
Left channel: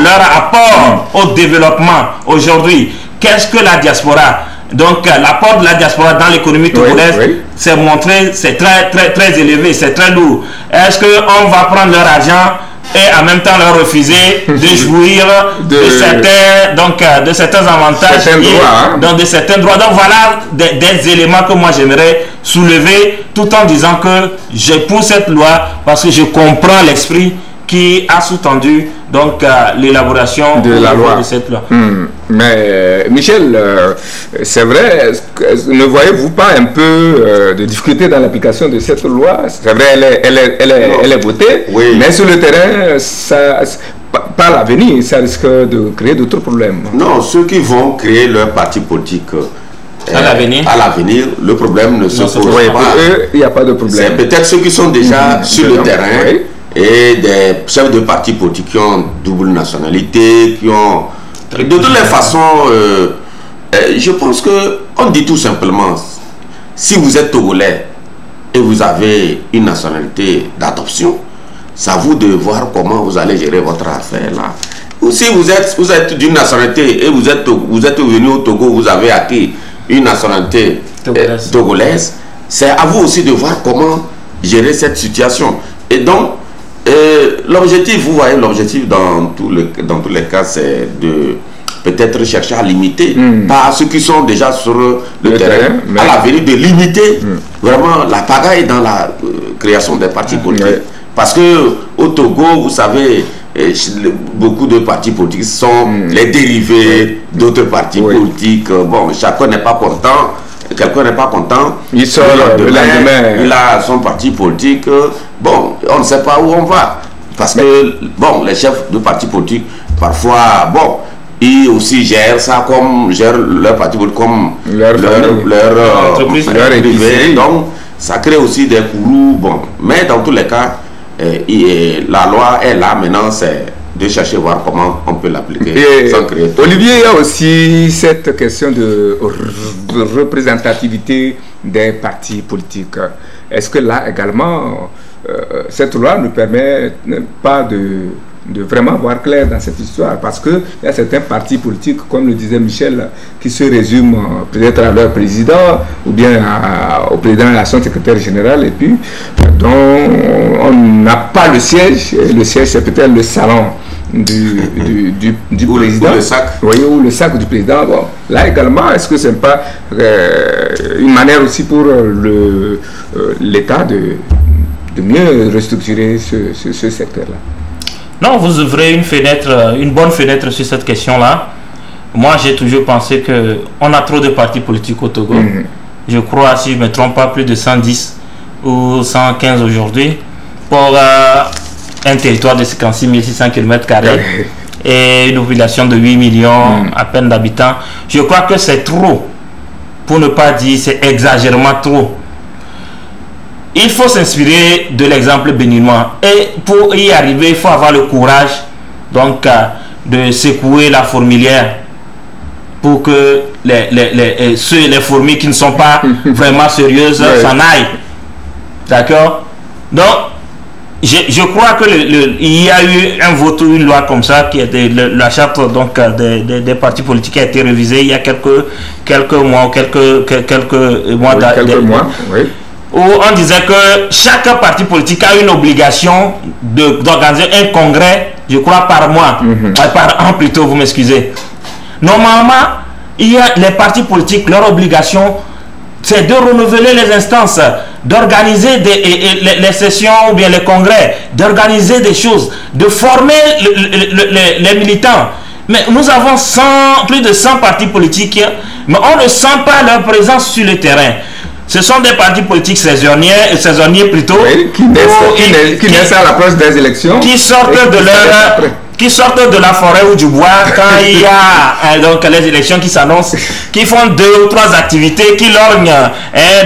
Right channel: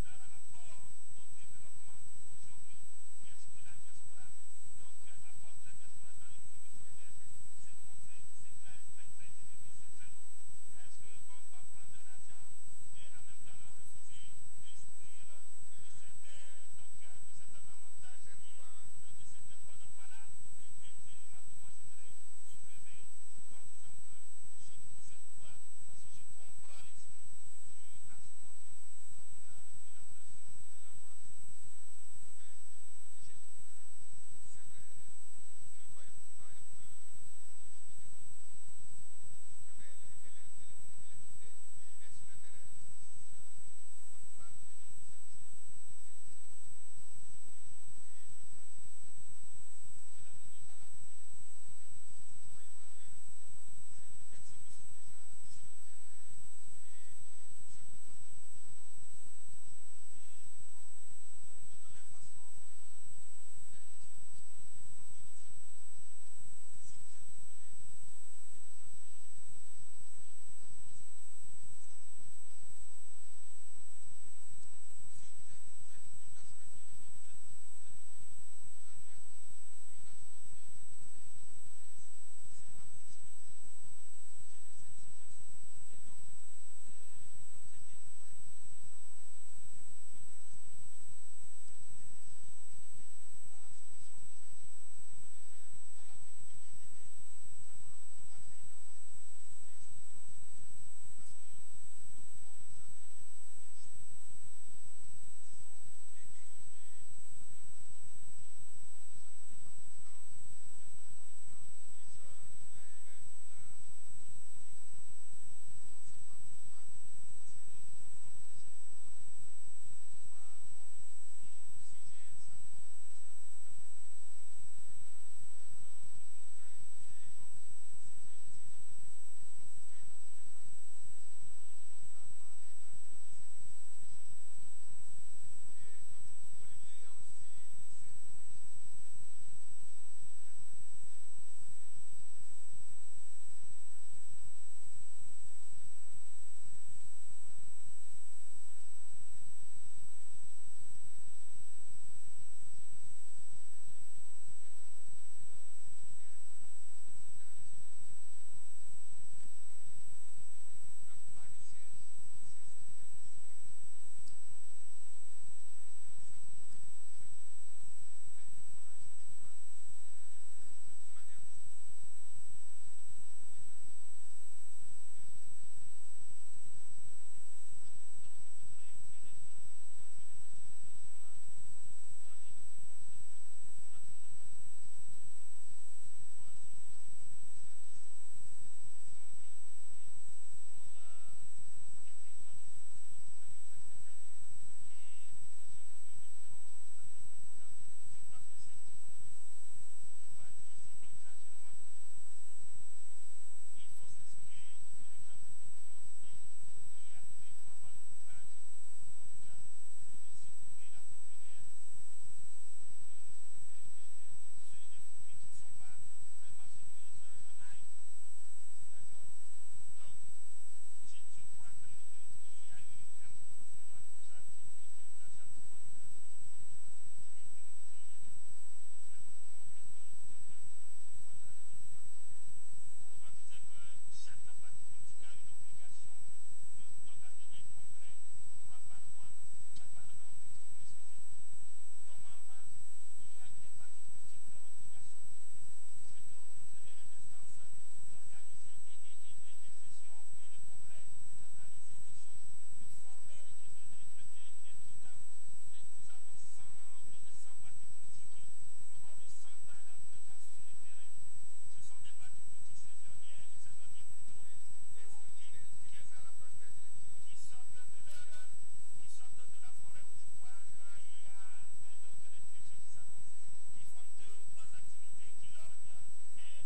leur apport au développement aujourd'hui? Qu'est-ce que la diaspora? Donc l'apport de la diaspora dans l'économie togolaise, c'est montré, c'est très élevé, c'est très lourd. Est-ce qu'on va prendre leur argent et en même temps leur refuser de jouir de certains avantages, de certains droits? Donc voilà des éléments que moi j'aimerais soulever, tout en disant que je pousse cette loi parce que je comprends l'esprit qui a sous-tendu donc l'élaboration de la loi de cette loi. Mais Michel, c'est vrai, ne voyez-vous pas un peu de difficulté dans l'application de cette loi? C'est vrai, elle est votée, mais sur le terrain, par l'avenir, ça risque de créer d'autres problèmes. Non, ceux qui vont créer leur parti politique à l'avenir, le problème ne se pose pas. Pour eux, il n'y a pas de problème. C'est peut-être ceux qui sont déjà sur le terrain et des chefs de partis politiques qui ont double nationalité, qui ont... De toutes les façons, je pense que on dit tout simplement, si vous êtes Togolais et vous avez une nationalité d'adoption, c'est à vous de voir comment vous allez gérer votre affaire là. Ou si vous êtes d'une nationalité et vous êtes venu au Togo, vous avez acquis une nationalité togolaise, c'est à vous aussi de voir comment gérer cette situation. Et donc, l'objectif, vous voyez, l'objectif dans tous les cas, c'est de peut-être chercher à limiter, pas ceux qui sont déjà sur le terrain, à l'avenir de limiter vraiment la pagaille dans la création des partis politiques. Parce que au Togo, vous savez, beaucoup de partis politiques sont les dérivés d'autres partis politiques. Bon, chacun n'est pas content. Quelqu'un n'est pas content. Il sort le lendemain. Il a son parti politique. Bon, on ne sait pas où on va. Parce que, bon, les chefs de partis politiques, parfois, bon, ils aussi gèrent ça comme, gèrent leur parti politique comme leur entreprise. Donc, ça crée aussi des courroux. Bon, mais dans tous les cas, la loi est là. Maintenant, c'est de chercher voir comment on peut l'appliquer sans créer. Olivier, il y a aussi cette question de représentativité des partis politiques. Est-ce que là également, cette loi ne permet pas de vraiment voir clair dans cette histoire? Parce qu'il y a certains partis politiques, comme le disait Michel, qui se résument peut-être à leur président ou bien au président et à son secrétaire général, et puis dont on n'a pas le siège. Et le siège, c'est peut-être le salon du président, ou le sac. Oui, ou le sac du président. Bon, là également, est-ce que ce n'est pas une manière aussi pour l'État de mieux restructurer ce secteur-là? Non, vous ouvrez une bonne fenêtre sur cette question-là. Moi, j'ai toujours pensé qu'on a trop de partis politiques au Togo. Je crois, si je ne me trompe pas, plus de 110 ou 115 aujourd'hui pour un territoire de 56 600 km² et une population de 8 millions à peine d'habitants. Je crois que c'est trop, pour ne pas dire c'est exagérément trop. Il faut s'inspirer de l'exemple béninois, et pour y arriver, il faut avoir le courage donc de secouer la fourmilière pour que les fourmis qui ne sont pas vraiment sérieuses s'en aillent. D'accord? Donc, je crois que il y a eu un vote ou une loi comme ça, qui était la charte donc des partis politiques qui a été révisée il y a quelques mois, où on disait que chaque parti politique a une obligation d'organiser un congrès, je crois, par mois, par an plutôt, vous m'excusez. Normalement, il y a les partis politiques, leur obligation, c'est de renouveler les instances, d'organiser les sessions ou bien les congrès, d'organiser des choses, de former les militants. Mais nous avons plus de 100 partis politiques, mais on ne sent pas leur présence sur le terrain. Ce sont des partis politiques saisonniers plutôt, qui naissent à l'approche des élections, qui sortent de la forêt ou du bois quand il y a donc les élections qui s'annoncent, qui font 2 ou 3 activités, qui lorgnent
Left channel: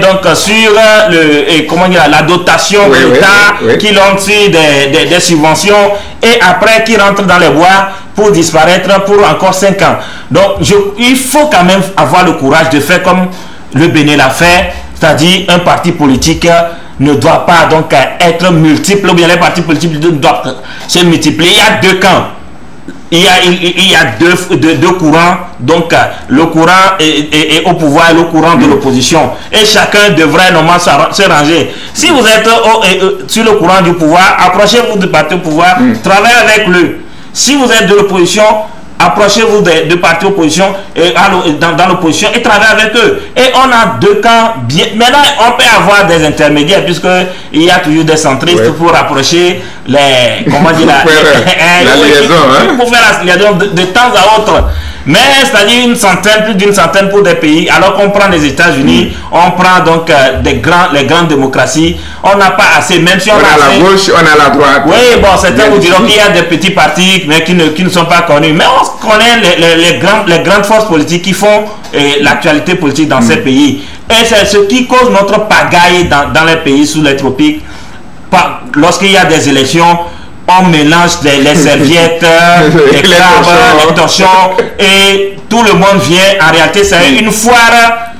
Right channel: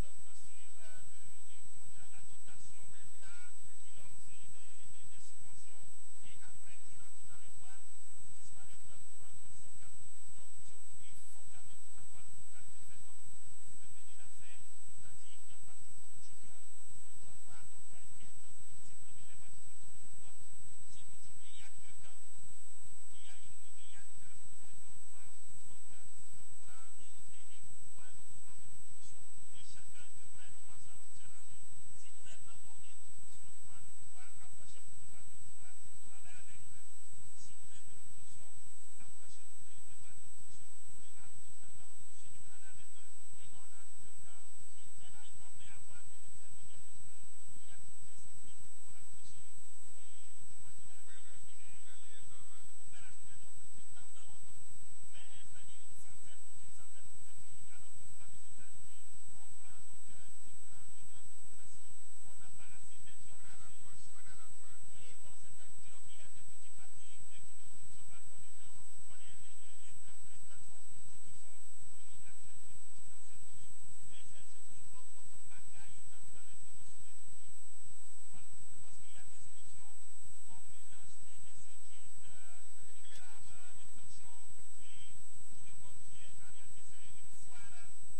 donc sur la dotation de l'État, qui lorgnent sur des subventions, et après qui rentrent dans les bois pour disparaître pour encore 5 ans. Donc il faut quand même avoir le courage de faire comme le Bénin l'a fait, c'est-à-dire un parti politique ne doit pas donc être multiple, ou bien les partis politiques doivent se multiplier. Il y a 2 camps, il y a deux courants, donc le courant est au pouvoir et le courant de l'opposition, et chacun devrait normalement se ranger. Si vous êtes sur le courant du pouvoir, approchez-vous du parti au pouvoir, travaillez avec lui. Si vous êtes de l'opposition, approchez-vous de partis opposition dans l'opposition et travaillez avec eux. Et on a 2 camps bien. Maintenant, on peut avoir des intermédiaires, puisqu'il y a toujours des centristes pour approcher les. Comment dire la liaison. Pour faire la liaison de temps à autre. Mais c'est-à-dire plus d'une centaine pour des pays, alors qu'on prend les États-Unis, on prend donc les grandes démocraties, on n'a pas assez, même si on a la gauche, on a la droite. Oui, bon, certains vous diront qu'il y a des petits partis, mais qui ne sont pas connus. Mais on connaît les grandes forces politiques qui font l'actualité politique dans ces pays. Et c'est ce qui cause notre pagaille dans les pays sous les tropiques. Lorsqu'il y a des élections, on mélange les serviettes, les crabes, les torchons, et tout le monde vient. En réalité, c'est une foire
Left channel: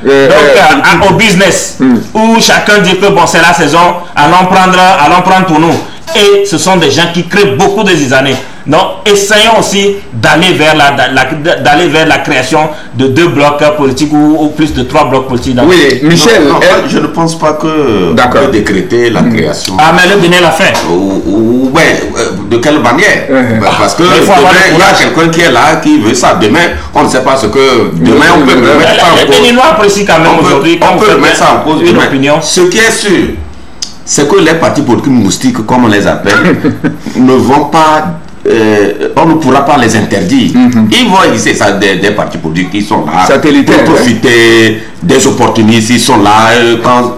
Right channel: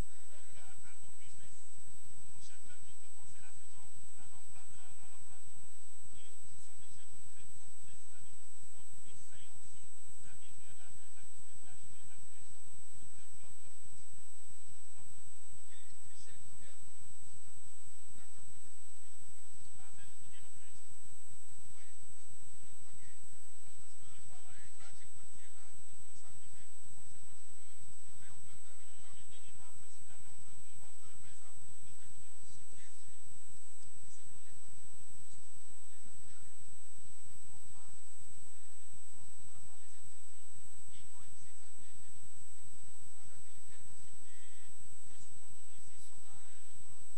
au business, où chacun dit que bon, c'est la saison, allons prendre pour nous. et ce sont des gens qui créent beaucoup de années. Donc, essayons aussi d'aller vers la création de 2 blocs politiques ou plus de 3 blocs politiques. Oui, Michel, je ne pense pas que on peut décréter la création. Ah, mais le donner la fin. Ouais, de quelle manière? Parce que demain, il y a quelqu'un qui est là, qui veut ça. Demain, on ne sait pas ce que... Demain, on peut remettre ça en cause. Les Béninois apprécient quand même aujourd'hui. On peut remettre ça en cause demain. Ce qui est sûr, c'est que les partis politiques moustiques, comme on les appelle, ne vont pas... on ne pourra pas les interdire. Ils vont exister, ça, des partis politiques qui sont là pour profiter des opportunistes. Ils sont là quand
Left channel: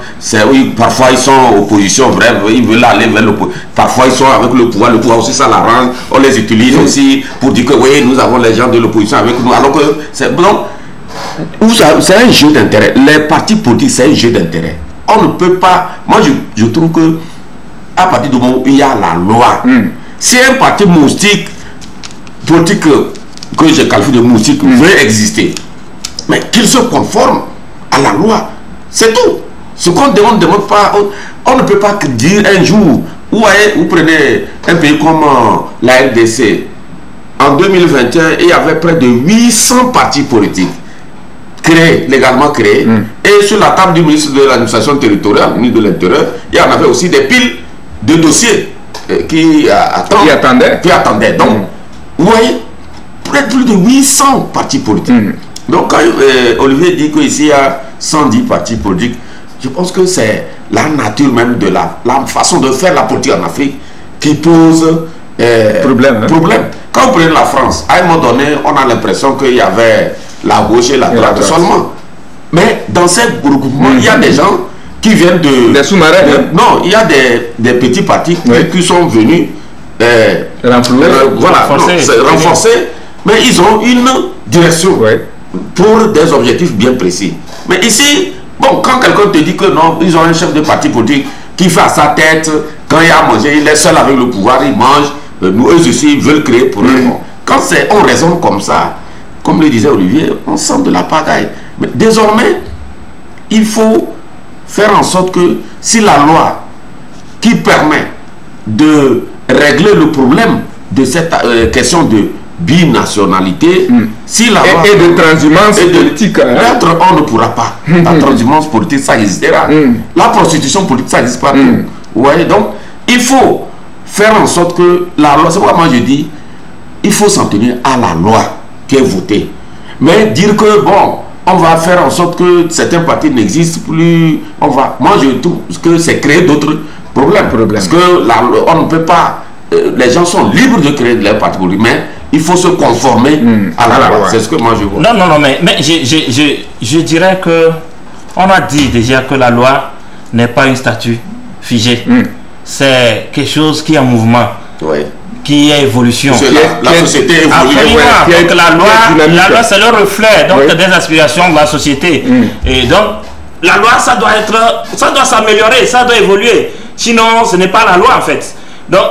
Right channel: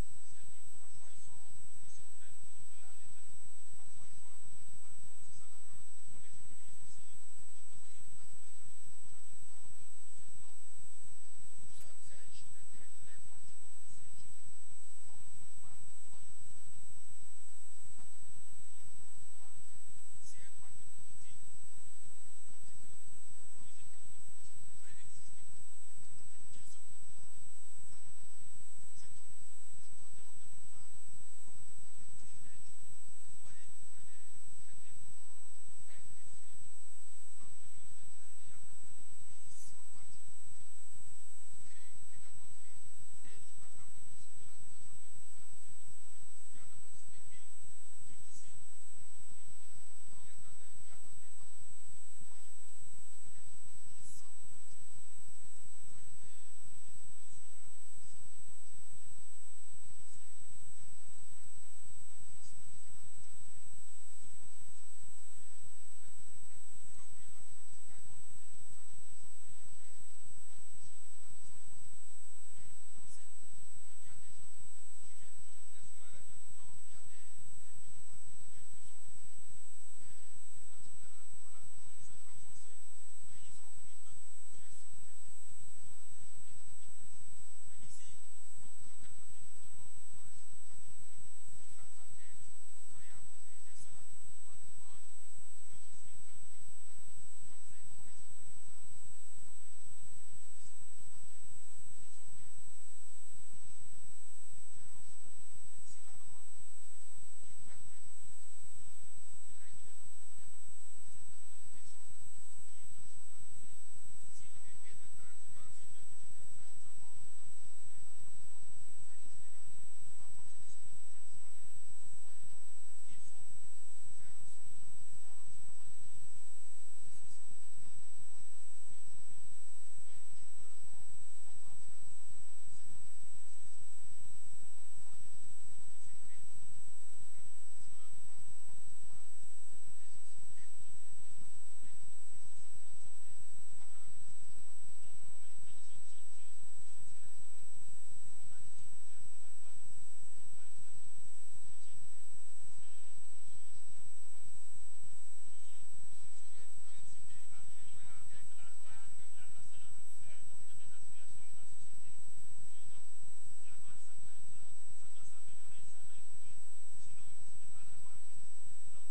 oui, parfois ils sont en opposition, bref, ils veulent aller vers l'opposition. Parfois ils sont avec le pouvoir aussi, ça l'arrange. On les utilise aussi pour dire que oui, nous avons les gens de l'opposition avec nous, alors que c'est un jeu d'intérêt. Les partis politiques, c'est un jeu d'intérêt. On ne peut pas... Moi, je trouve que à partir du moment où il y a la loi, si un parti moustique politique que je qualifie de moustique veut exister, mais qu'il se conforme à la loi, c'est tout. Ce qu'on ne demande pas, on ne peut pas dire un jour, vous prenez un pays comme la RDC, en 2021, il y avait près de 800 partis politiques légalement créés, et sur la table du ministre de l'administration territoriale, ministre de l'Intérieur, il y en avait aussi des piles de dossiers qui attendaient. Donc, vous voyez, plus de 800 partis politiques. Donc, quand Olivier dit qu'ici il y a 110 partis politiques, je pense que c'est la nature même de la façon de faire la politique en Afrique qui pose problème. Quand vous prenez la France, à un moment donné, on a l'impression qu'il y avait la gauche et la droite seulement. Mais dans ces groupements, il y a des gens qui viennent des sous-marins. Non, il y a des petits partis qui sont venus renforcer, mais ils ont une direction pour des objectifs bien précis. Mais ici, bon, quand quelqu'un te dit que non, ils ont un chef de parti politique qui fait à sa tête, quand il y a à manger, il est seul avec le pouvoir, il mange, nous eux aussi ils veulent créer pour eux. Quand on raisonne comme ça, comme le disait Olivier, on sent de la pagaille. Mais désormais, il faut faire en sorte que si la loi qui permet de régler le problème de cette question de binationalité, si la loi et de transhumance politique, on ne pourra pas. La transhumance politique, ça existera. La prostitution politique, ça n'existe pas. Vous voyez, donc il faut faire en sorte que la loi, c'est pourquoi moi je dis, il faut s'en tenir à la loi qui est votée. Mais dire que bon, on va faire en sorte que certains partis n'existent plus, moi je trouve que c'est créer d'autres problèmes. Parce que on ne peut pas, les gens sont libres de créer leur parti politique, mais il faut se conformer à la loi. C'est ce que moi je vois. Non, mais je dirais que on a dit déjà que la loi n'est pas une statue figée. C'est quelque chose qui est en mouvement. Qui est évolution. La société évolue. La loi c'est le reflet des aspirations de la société. Et donc, la loi, ça doit s'améliorer, ça doit évoluer. Sinon, ce n'est pas la loi en fait. Donc,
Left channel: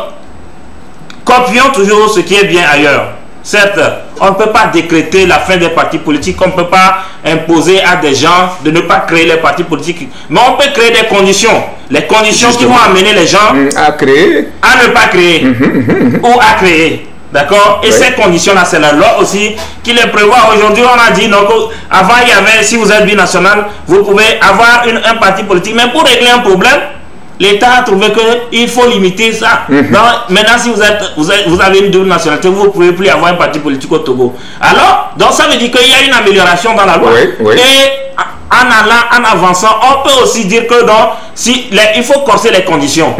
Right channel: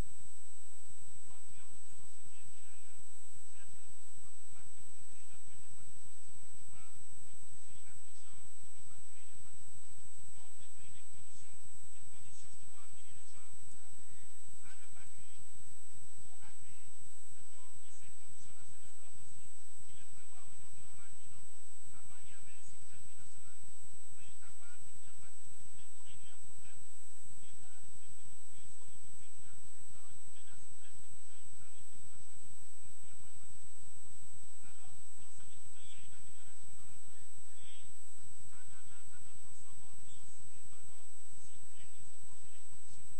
copions toujours ce qui est bien ailleurs. Certes, on ne peut pas décréter la fin des partis politiques, on ne peut pas imposer à des gens de ne pas créer les partis politiques, mais on peut créer des conditions. Les conditions qui vont amener les gens à ne pas créer ou à créer. D'accord? Et ces conditions-là, c'est la loi aussi qui les prévoit. Aujourd'hui, on a dit, donc, avant, il y avait, si vous êtes binational, vous pouvez avoir un parti politique, mais pour régler un problème, l'État a trouvé qu'il faut limiter ça. Donc, maintenant, si vous avez une double nationalité, vous ne pouvez plus avoir un parti politique au Togo. Alors, donc ça veut dire qu'il y a une amélioration dans la loi. Et en avançant, on peut aussi dire que il faut corser les conditions.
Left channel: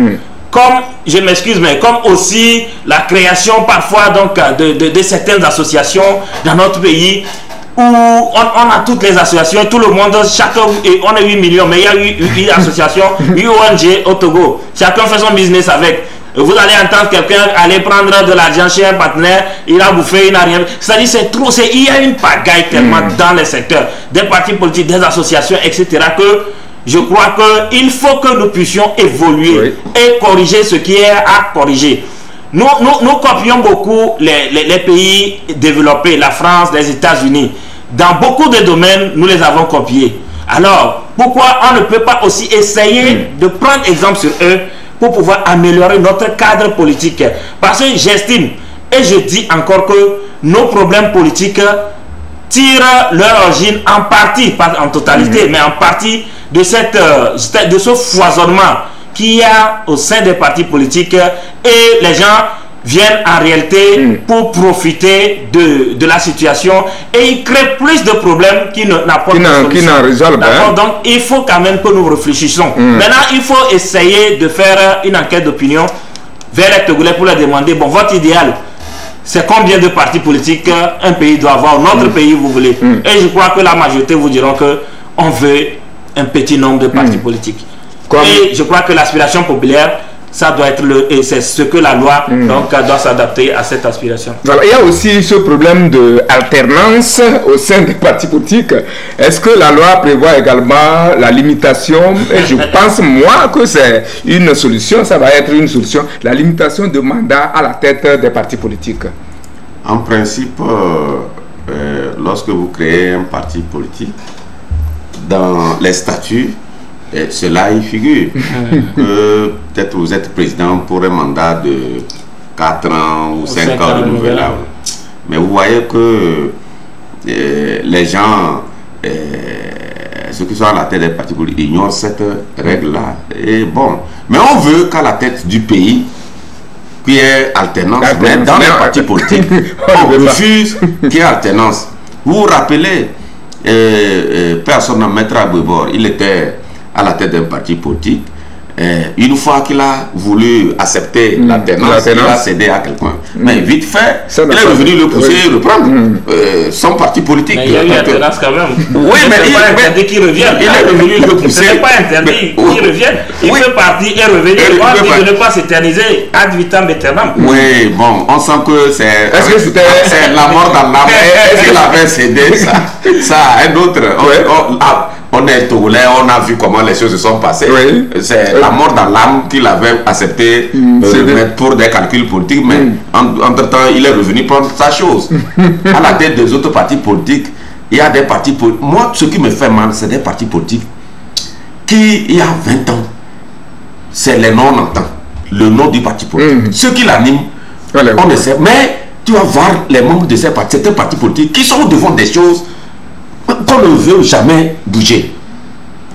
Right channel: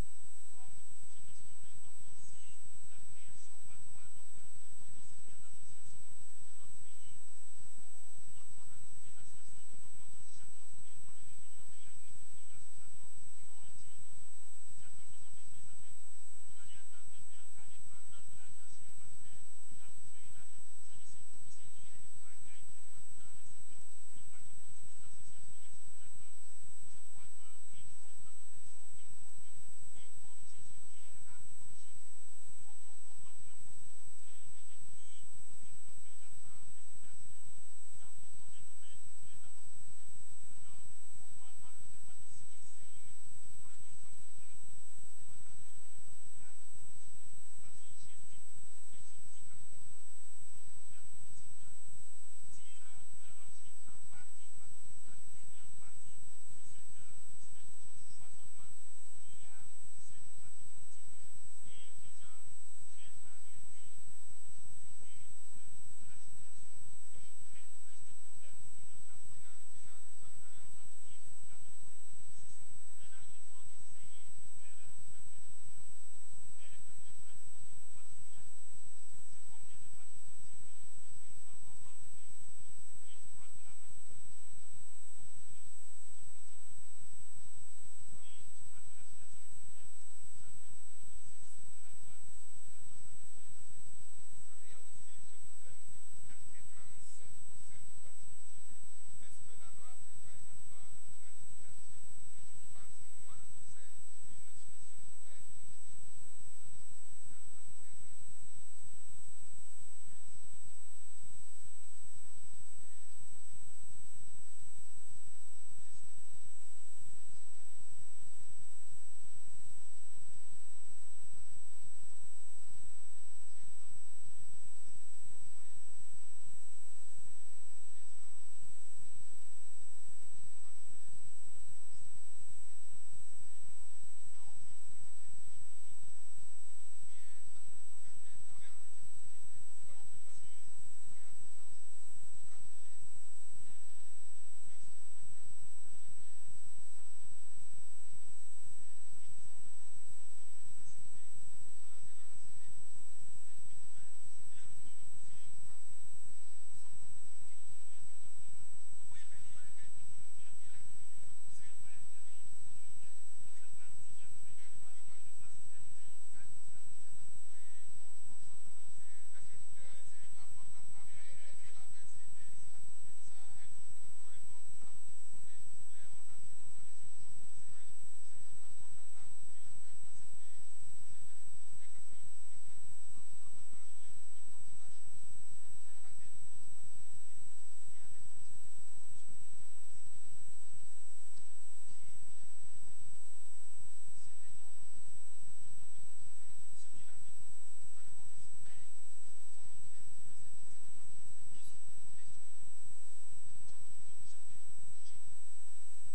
Comme, je m'excuse, mais comme aussi la création parfois donc, de certaines associations dans notre pays, où on a toutes les associations, tout le monde, chacun, on est 8 millions, mais il y a 8 associations, 8 ONG au Togo. Chacun fait son business avec. Vous allez entendre quelqu'un aller prendre de l'argent chez un partenaire, il a bouffé, il n'a rien. C'est-à-dire c'est trop, il y a une pagaille tellement dans les secteurs, des partis politiques, des associations, etc. que je crois qu'il faut que nous puissions évoluer et corriger ce qui est à corriger. Nous copions beaucoup les pays développés, la France, les États-Unis. Dans beaucoup de domaines, nous les avons copiés. Alors, pourquoi on ne peut pas aussi essayer de prendre exemple sur eux pour pouvoir améliorer notre cadre politique. Parce que j'estime, et je dis encore que nos problèmes politiques tirent leur origine en partie, pas en totalité, mais en partie de ce foisonnement qu'il y a au sein des partis politiques, et les gens viennent en réalité pour profiter de la situation, et ils créent plus de problèmes qui n'apportent pas de solution. Donc il faut quand même que nous réfléchissions. Maintenant, il faut essayer de faire une enquête d'opinion vers les Togolais pour leur demander, bon, votre idéal, c'est combien de partis politiques un pays doit avoir, notre pays vous voulez. Et je crois que la majorité vous diront qu'on veut un petit nombre de partis politiques. Et je crois que l'aspiration populaire, ça doit être et c'est ce que la loi donc doit s'adapter à cette aspiration. Voilà, il y a aussi ce problème d'alternance au sein des partis politiques. Est-ce que la loi prévoit également la limitation? Et je pense moi que c'est une solution, ça va être une solution, la limitation de mandat à la tête des partis politiques. En principe, lorsque vous créez un parti politique, dans les statuts, et cela y figure. Peut-être vous êtes président pour un mandat de 4 ans ou 5 ans de nouvel âge. Mais vous voyez que les gens, ceux qui sont à la tête des partis politiques, ignorent cette règle-là. Et bon, mais on veut qu'à la tête du pays, qu'il y ait alternance. Mais dans les partis politiques, on refuse qu'il y ait alternance. Vous vous rappelez, personne ne mettra à Bébor, il était à la tête d'un parti politique. Une fois qu'il a voulu accepter l'alternance, il a cédé à quelqu'un. Mais vite fait, il est revenu le pousser et reprendre son parti politique. Mais il y a eu l'alternance quand même. Oui, mais il n'est pas interdit qu'il revienne. Il est revenu le pousser. Ce n'est pas interdit qu'il revienne. Il peut partir et revenir. On dit de ne pas s'éterniser ad vitam aeternam. Oui, bon, on sent que c'est la mort dans l'âme. Est-ce qu'il avait cédé ça a un autre. On est Togolais, on a vu comment les choses se sont passées. C'est la mort dans l'âme qu'il avait accepté pour des calculs politiques, mais entre-temps, il est revenu prendre sa chose. À la tête des autres partis politiques, il y a des partis politiques. Moi, ce qui me fait mal, c'est des partis politiques qui, il y a 20 ans, c'est les non-entends, le nom du parti politique. Ceux qui l'animent, on le sait. Mais tu vas voir les membres de ces partis, certains partis politiques qui sont devant des choses qu'on ne veut jamais bouger.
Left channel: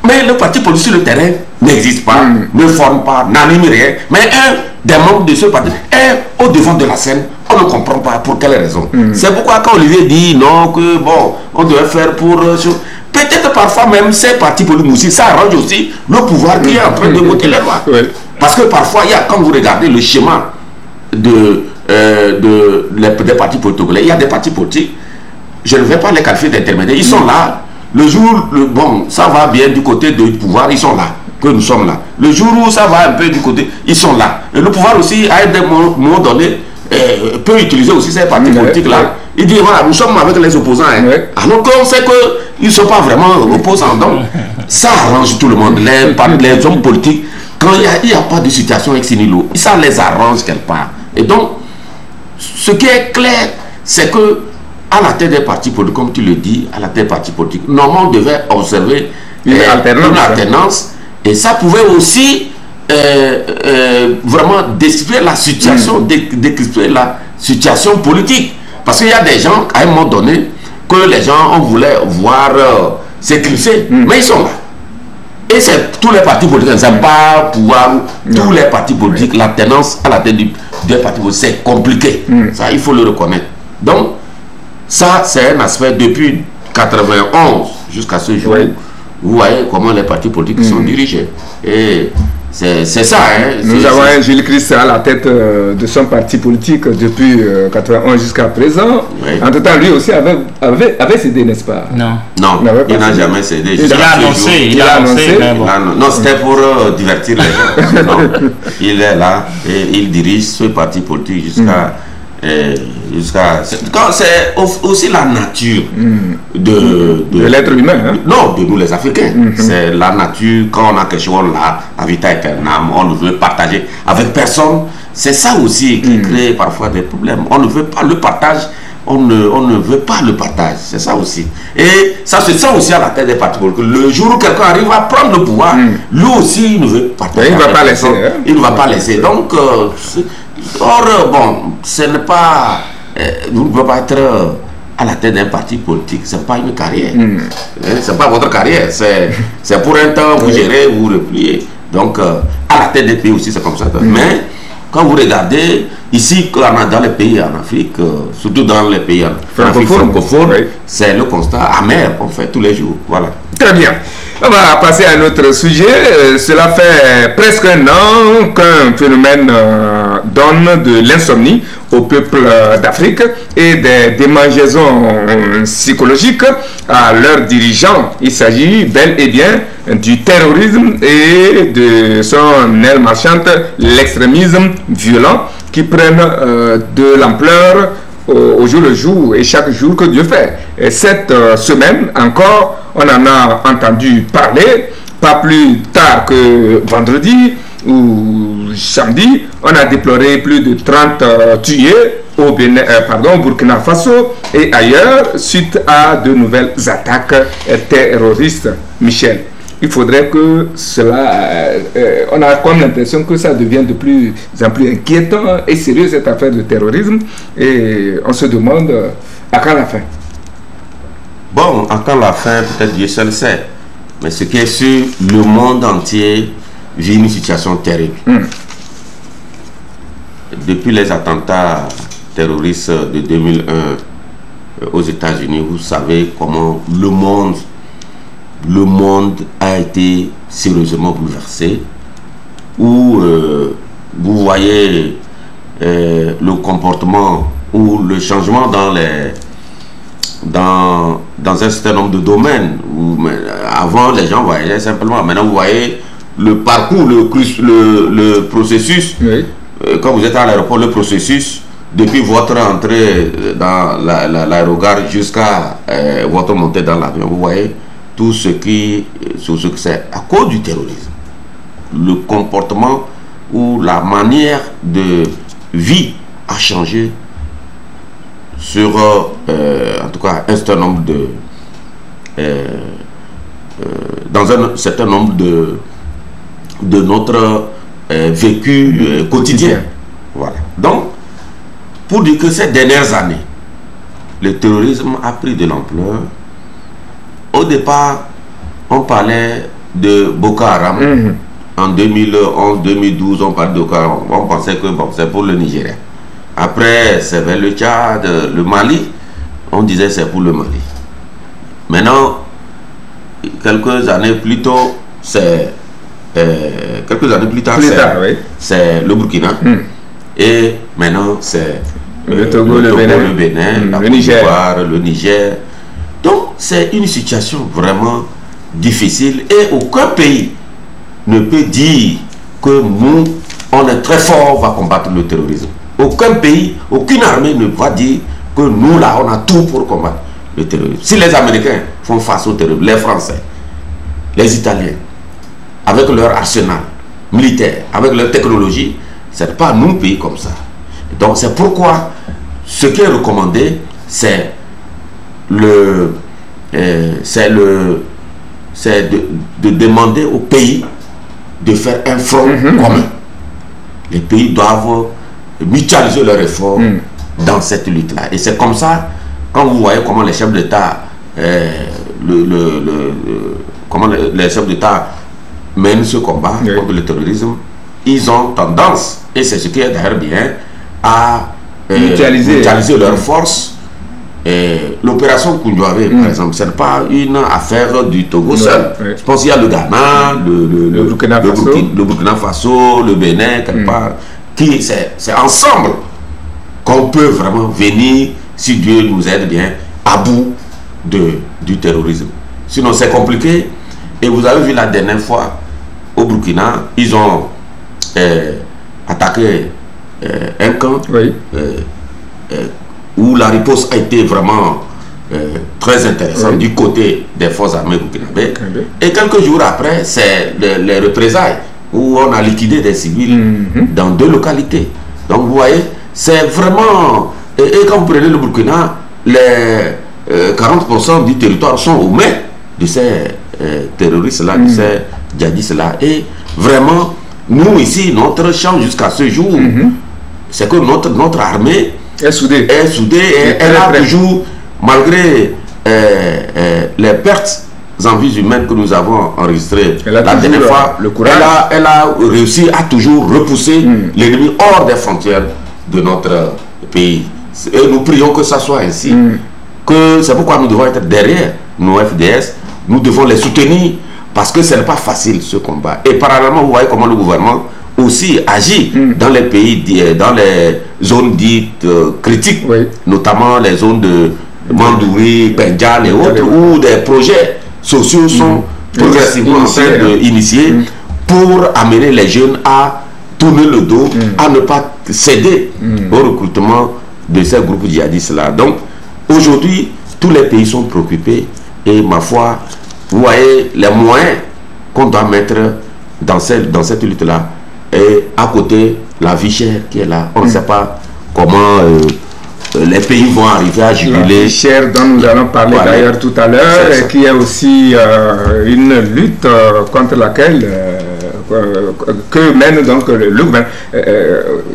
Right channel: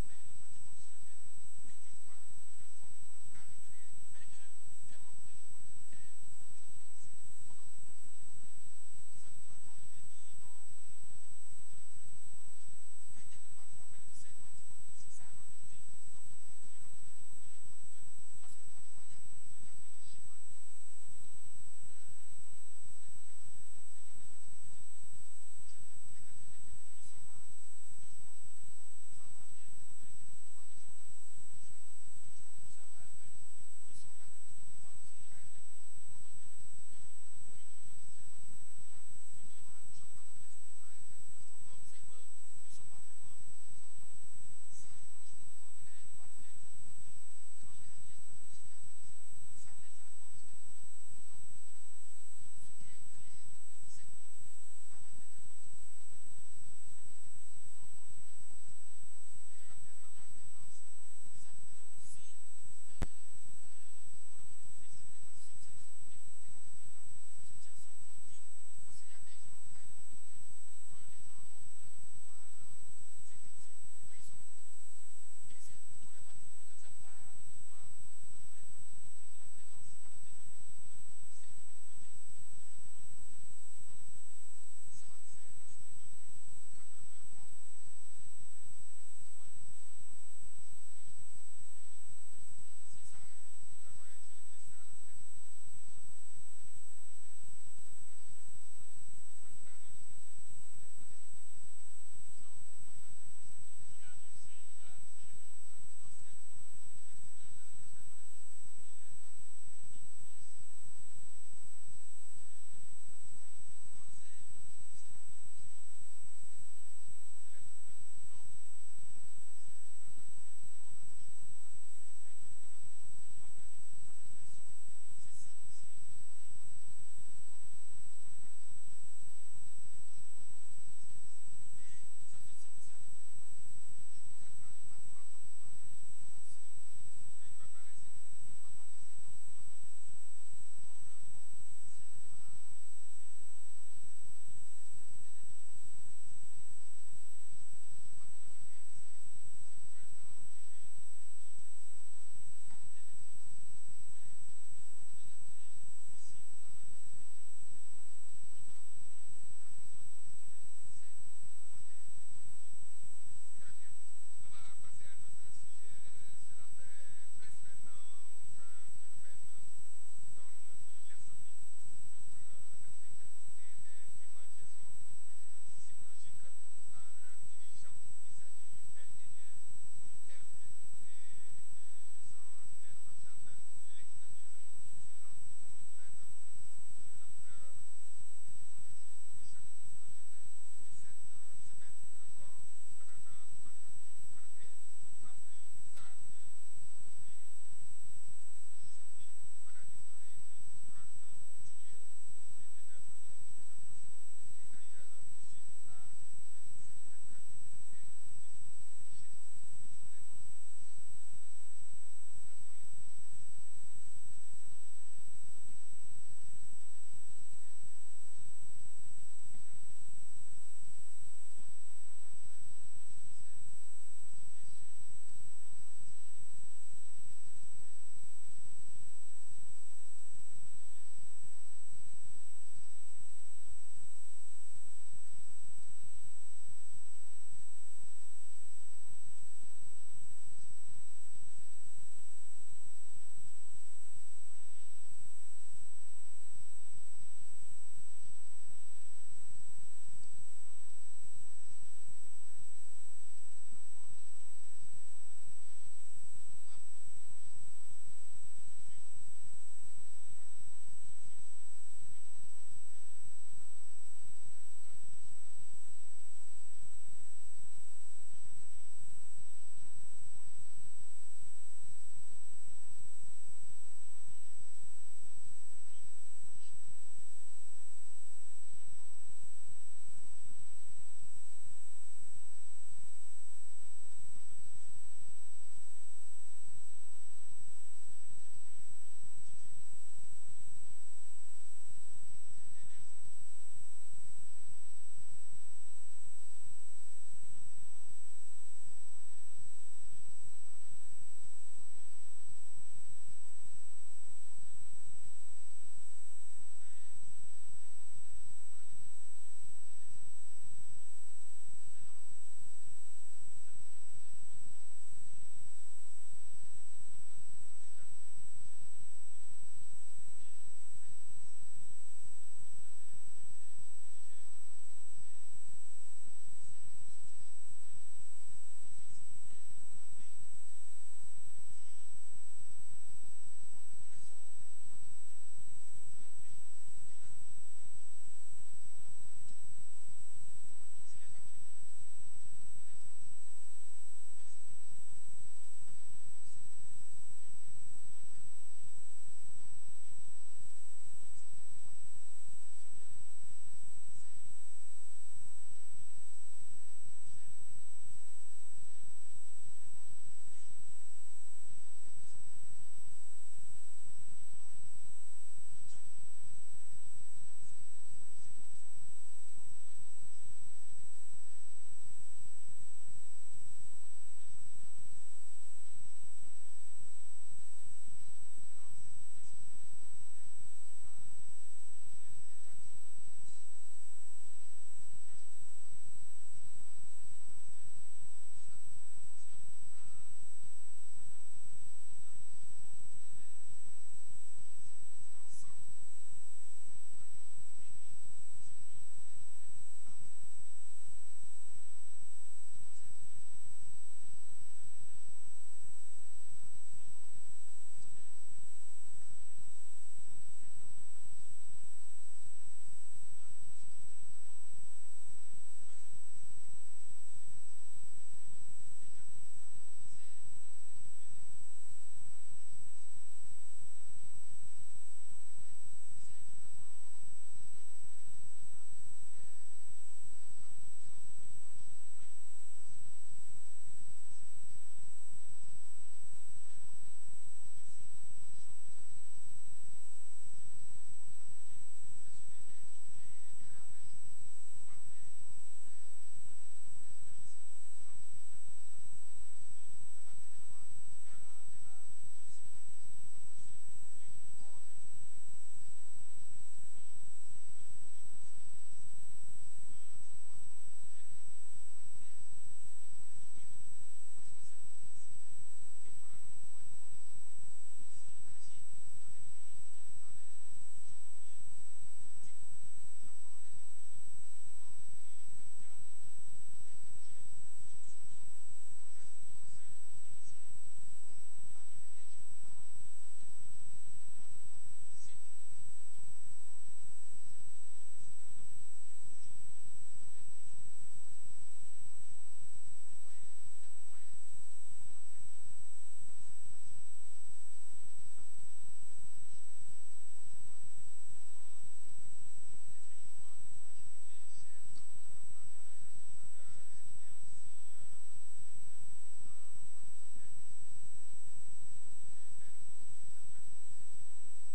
Mais le parti politique sur le terrain n'existe pas, ne forme pas, n'anime rien. Mais un des membres de ce parti est au devant de la scène. On ne comprend pas pour quelle raison. C'est pourquoi quand Olivier dit non, que bon, on devait faire pour... peut-être parfois même ces partis politiques aussi, ça arrange aussi le pouvoir qui est en train de voter les lois. Parce que parfois, il y a, quand vous regardez le schéma des partis politiques, il y a des partis politiques, je ne vais pas les qualifier d'intermédiaires, ils sont là. Le jour, bon, ça va bien du côté du pouvoir, ils sont là, que nous sommes là. Le jour où ça va un peu du côté, ils sont là. Et le pouvoir aussi, à un moment donné, peut utiliser aussi ces partis politiques-là. Il dit, voilà, nous sommes avec les opposants. Alors qu'on sait qu'ils ne sont pas vraiment opposants. Donc, ça arrange tout le monde. Les hommes politiques, quand il n'y a pas de situation ex nihilo, ça les arrange quelque part. Et donc, ce qui est clair, c'est que à la tête des partis politiques, comme tu le dis, à la tête des partis politiques, normalement on devait observer une alternance, et ça pouvait aussi vraiment décrypter la situation, décrypter la situation politique. Parce qu'il y a des gens, à un moment donné, que les gens on voulait voir s'éclipser, mais ils sont là. Et c'est tous les partis politiques, ça pas pouvoir, tous les partis politiques, l'alternance à la tête des partis politiques, c'est compliqué. Ça, il faut le reconnaître. Donc, ça, c'est un aspect depuis 91 jusqu'à ce jour. Vous voyez comment les partis politiques sont dirigés. Et c'est ça. Nous avons un Gilles Christ à la tête de son parti politique depuis 91 jusqu'à présent. Entre-temps, lui aussi avait cédé, n'est-ce pas? Non. Non, il n'a jamais cédé. Il a annoncé. Non, c'était pour divertir les gens. Non, il est là et il dirige ce parti politique jusqu'à... c'est aussi la nature de l'être humain, hein? Non, de nous les Africains. C'est la nature, quand on a quelque chose là, à vita aeternam, on ne veut partager avec personne. C'est ça aussi qui crée parfois des problèmes. On ne veut pas le partage, on ne veut pas le partage. C'est ça aussi. Et ça se sent aussi à la tête des partis politiques. Le jour où quelqu'un arrive à prendre le pouvoir, lui aussi, il ne veut pas partager. Il ne va pas laisser. Il ne va pas laisser. Donc, bon, ce n'est pas... vous ne pouvez pas être à la tête d'un parti politique. Ce n'est pas une carrière. Ce n'est pas votre carrière. C'est pour un temps, vous gérez, vous repliez. Donc, à la tête des pays aussi, c'est comme ça. Mais... quand vous regardez, ici, dans les pays en Afrique, surtout dans les pays francophones, c'est le constat amer qu'on fait tous les jours. Voilà. Très bien. On va passer à un autre sujet. Cela fait presque un an qu'un phénomène donne de l'insomnie au peuple d'Afrique et des démangeaisons psychologiques à leurs dirigeants. Il s'agit bel et bien du terrorisme et de son aile marchande, l'extrémisme violent qui prennent de l'ampleur au jour le jour et chaque jour que Dieu fait. Et cette semaine encore, on en a entendu parler, pas plus tard que vendredi ou samedi, on a déploré plus de 30 tués au Burkina Faso et ailleurs suite à de nouvelles attaques terroristes. Michel, il faudrait que cela... on a comme l'impression que ça devient de plus en plus inquiétant et sérieux, cette affaire de terrorisme. Et on se demande à quand la fin. Bon, à quand la fin, peut-être Dieu seul sait. Mais ce qui est sûr, le monde entier vit une situation terrible. Depuis les attentats terroristes de 2001 aux États-Unis, vous savez comment le monde a été sérieusement bouleversé, où vous voyez le comportement ou le changement dans un certain nombre de domaines où avant les gens voyaient simplement, maintenant vous voyez le parcours, le processus, quand vous êtes à l'aéroport, le processus depuis votre entrée dans l'aérogare jusqu'à votre montée dans l'avion, vous voyez tout ce que c'est à cause du terrorisme. Le comportement ou la manière de vie a changé sur, en tout cas, un certain nombre dans un certain nombre de notre vécu quotidien. Voilà. Donc, pour dire que ces dernières années, le terrorisme a pris de l'ampleur. Au départ, on parlait de Boko Haram. En 2011-2012, on parlait de Boko Haram. On pensait que bon, c'est pour le Nigeria. Après, c'est vers le Tchad, le Mali. On disait c'est pour le Mali. Maintenant, quelques années plus tôt, c'est c'est le Burkina. Et maintenant, c'est le Togo, le Bénin, la Côte d'Ivoire, le Niger. Donc, c'est une situation vraiment difficile et aucun pays ne peut dire que nous, on est très fort, on va combattre le terrorisme. Aucun pays, aucune armée ne va dire que nous, là, on a tout pour combattre le terrorisme. Si les Américains font face au terrorisme, les Français, les Italiens, avec leur arsenal militaire, avec leur technologie, ce n'est pas nous, pays comme ça. Donc, c'est pourquoi ce qui est recommandé, c'est de demander aux pays de faire un front commun. Les pays doivent mutualiser leurs efforts dans cette lutte-là. Et c'est comme ça, quand vous voyez comment les chefs d'État les chefs d'État mènent ce combat contre le terrorisme, ils ont tendance, et c'est ce qui est d'ailleurs bien, à mutualiser leurs forces. L'opération Koundouave, par exemple, ce n'est pas une affaire du Togo seul. Je pense qu'il y a le Ghana, le Burkina Faso, le Bénin, quelque part, qui c'est ensemble qu'on peut vraiment venir, si Dieu nous aide bien, à bout du terrorisme. Sinon, c'est compliqué. Et vous avez vu la dernière fois, au Burkina, ils ont attaqué un camp où la riposte a été vraiment très intéressante du côté des forces armées burkinabées. Et quelques jours après, c'est les représailles où on a liquidé des civils dans 2 localités. Donc vous voyez, c'est vraiment Et quand vous prenez le Burkina, les 40% du territoire sont aux mains de ces terroristes-là, de ces djihadistes-là. Et vraiment, nous ici, notre champ jusqu'à ce jour, c'est que notre armée est soudée. Et elle a toujours, malgré les pertes en vies humaines que nous avons enregistrées la dernière fois, elle a réussi à toujours repousser l'ennemi hors des frontières de notre pays. Et nous prions que ça soit ainsi. C'est pourquoi nous devons être derrière nos FDS. Nous devons les soutenir parce que ce n'est pas facile ce combat. Et parallèlement, vous voyez comment le gouvernement aussi agit dans les pays, dans les zones dites critiques, notamment les zones de Mandouri, Pendjal et autres, où des projets sociaux sont progressivement en train d'initier pour amener les jeunes à tourner le dos, à ne pas céder au recrutement de ces groupes djihadistes-là. Donc, aujourd'hui, tous les pays sont préoccupés et ma foi, vous voyez les moyens qu'on doit mettre dans cette lutte-là. Et à côté, la vie chère qui est là. On ne sait pas comment les pays vont arriver à juguler. La vie chère dont nous allons parler d'ailleurs tout à l'heure, et qui est aussi une lutte contre laquelle que mène donc le gouvernement.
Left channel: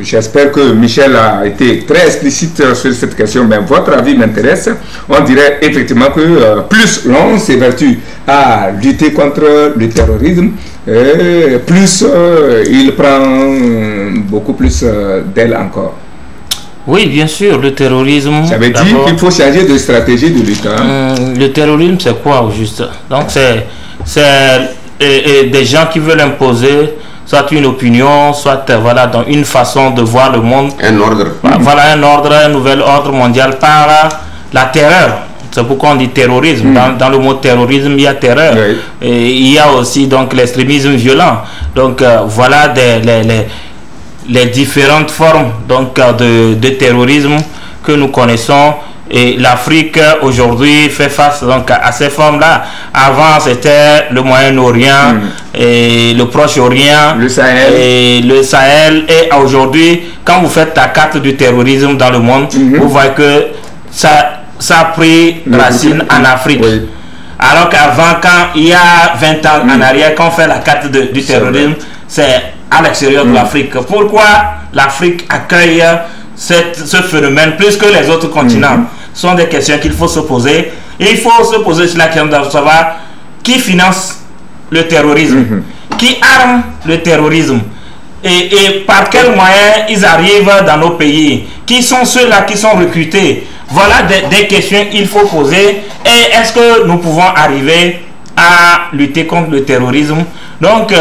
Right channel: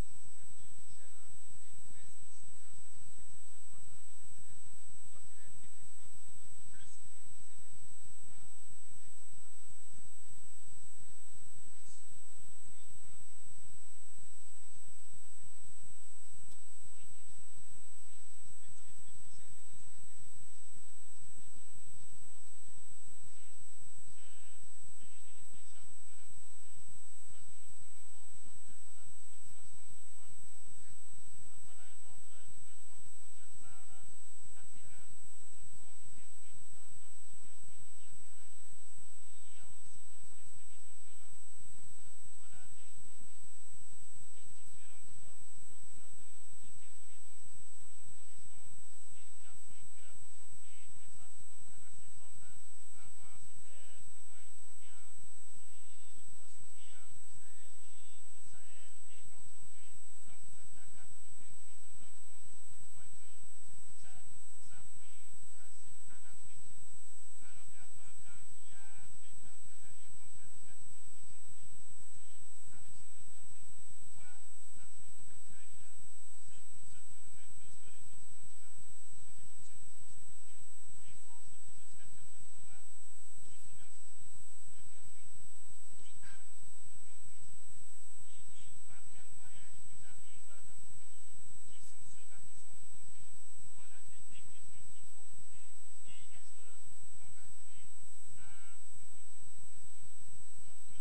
J'espère que Michel a été très explicite sur cette question, mais votre avis m'intéresse. On dirait effectivement que plus l'on s'évertue à lutter contre le terrorisme, plus il prend beaucoup plus d'aile encore. Oui, bien sûr, le terrorisme... Ça veut dire qu'il faut changer de stratégie de lutte. Le terrorisme, c'est quoi au juste? Donc, c'est des gens qui veulent imposer soit une opinion, soit voilà, dans une façon de voir le monde. Un ordre. Voilà, un ordre, un nouvel ordre mondial par la terreur. C'est pourquoi on dit terrorisme. Dans le mot terrorisme, il y a terreur. Et il y a aussi donc l'extrémisme violent. Donc, voilà les différentes formes donc, de terrorisme que nous connaissons. Et l'Afrique aujourd'hui fait face donc à ces formes-là. Avant c'était le Moyen-Orient et le Proche-Orient, le Sahel. Et aujourd'hui, quand vous faites la carte du terrorisme dans le monde, vous voyez que ça a pris racine en Afrique. Alors qu'avant, quand il y a 20 ans en arrière, quand on fait la carte du terrorisme, c'est à l'extérieur de l'Afrique. Pourquoi l'Afrique accueille ce phénomène plus que les autres continents? Ce sont des questions qu'il faut se poser. Et il faut se poser sur la question de savoir qui finance le terrorisme, qui arme le terrorisme, et par quels moyens ils arrivent dans nos pays, qui sont ceux-là qui sont recrutés. Voilà des questions qu'il faut poser. Et est-ce que nous pouvons arriver à lutter contre le terrorisme? Donc,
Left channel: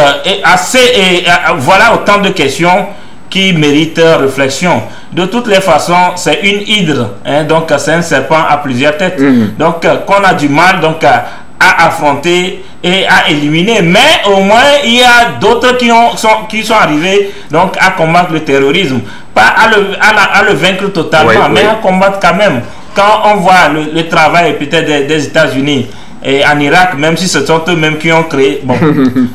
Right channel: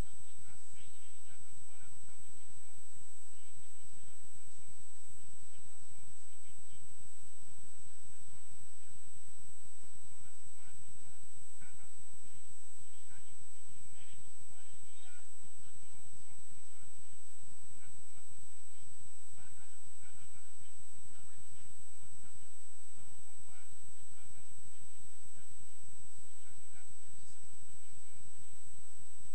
voilà autant de questions qui mérite réflexion. De toutes les façons, c'est une hydre, hein, donc c'est un serpent à plusieurs têtes. Donc, qu'on a du mal donc à affronter et à éliminer. Mais au moins, il y a d'autres qui sont arrivés donc à combattre le terrorisme. Pas à le vaincre totalement, mais à combattre quand même. Quand on voit le travail peut-être des États-Unis, et en Irak, même si ce sont eux-mêmes qui ont créé, bon,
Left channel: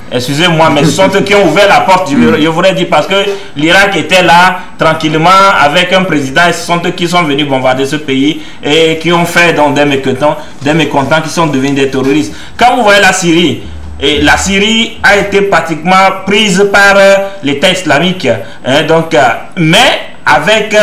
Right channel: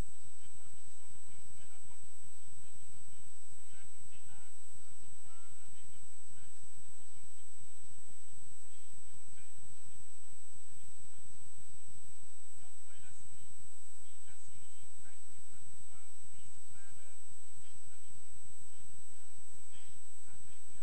excusez-moi, mais ce sont eux qui ont ouvert la porte, je voudrais dire, parce que l'Irak était là, tranquillement, avec un président, et ce sont eux qui sont venus bombarder ce pays, et qui ont fait donc, des mécontents qui sont devenus des terroristes. Quand vous voyez la Syrie, et la Syrie a été pratiquement prise par l'État islamique, hein, donc, mais avec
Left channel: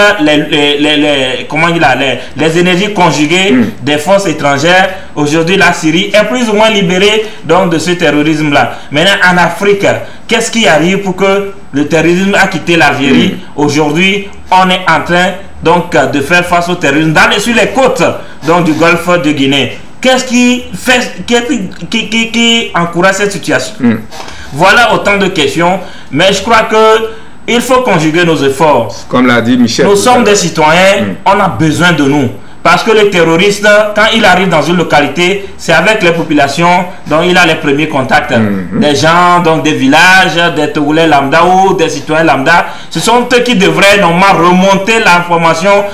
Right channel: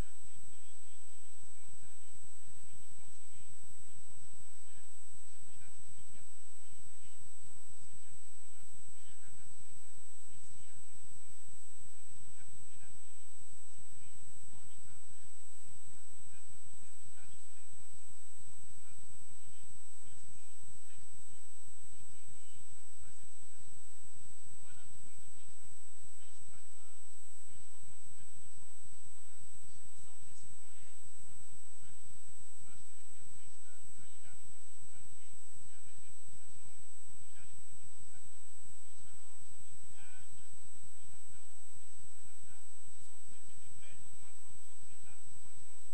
les énergies conjuguées des forces étrangères, aujourd'hui la Syrie est plus ou moins libérée donc, de ce terrorisme-là. Maintenant en Afrique, qu'est-ce qui arrive pour que le terrorisme a quitté l'Algérie? Aujourd'hui, on est en train donc, de faire face au terrorisme sur les côtes donc, du golfe de Guinée. Qu'est-ce qui encourage cette situation? Voilà autant de questions, mais je crois que il faut conjuguer nos efforts. Comme l'a dit Michel. Nous sommes des citoyens, on a besoin de nous. Parce que le terroriste, quand il arrive dans une localité, c'est avec les populations dont il a les premiers contacts. Des gens, donc des villages, des Togolais lambda ou des citoyens lambda. Ce sont eux qui devraient normalement remonter l'information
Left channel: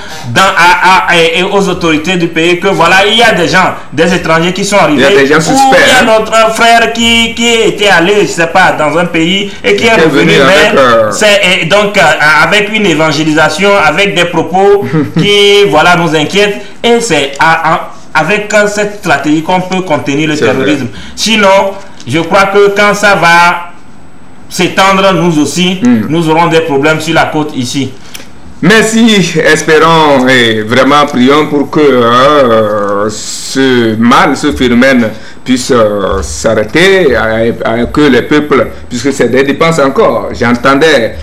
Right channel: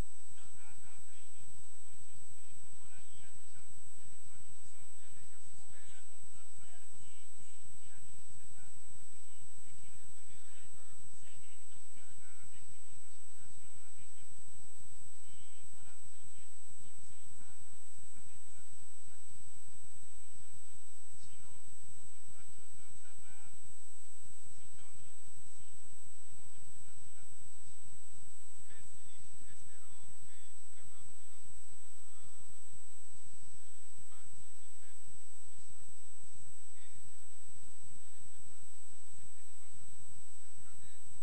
aux autorités du pays que voilà, il y a des gens, des étrangers qui sont arrivés. Il y a des gens suspects. Ou il y a notre frère qui était allé, je ne sais pas, dans un pays et qui est revenu. Donc avec une évangélisation, avec des propos qui voilà, nous inquiètent. Et c'est avec cette stratégie qu'on peut contenir le terrorisme. Sinon, je crois que quand ça va s'étendre, nous aussi, nous aurons des problèmes sur la côte ici. Merci, espérons et vraiment prions pour que ce mal, ce phénomène puisse s'arrêter, que les peuples, puisque c'est des dépenses encore. J'entendais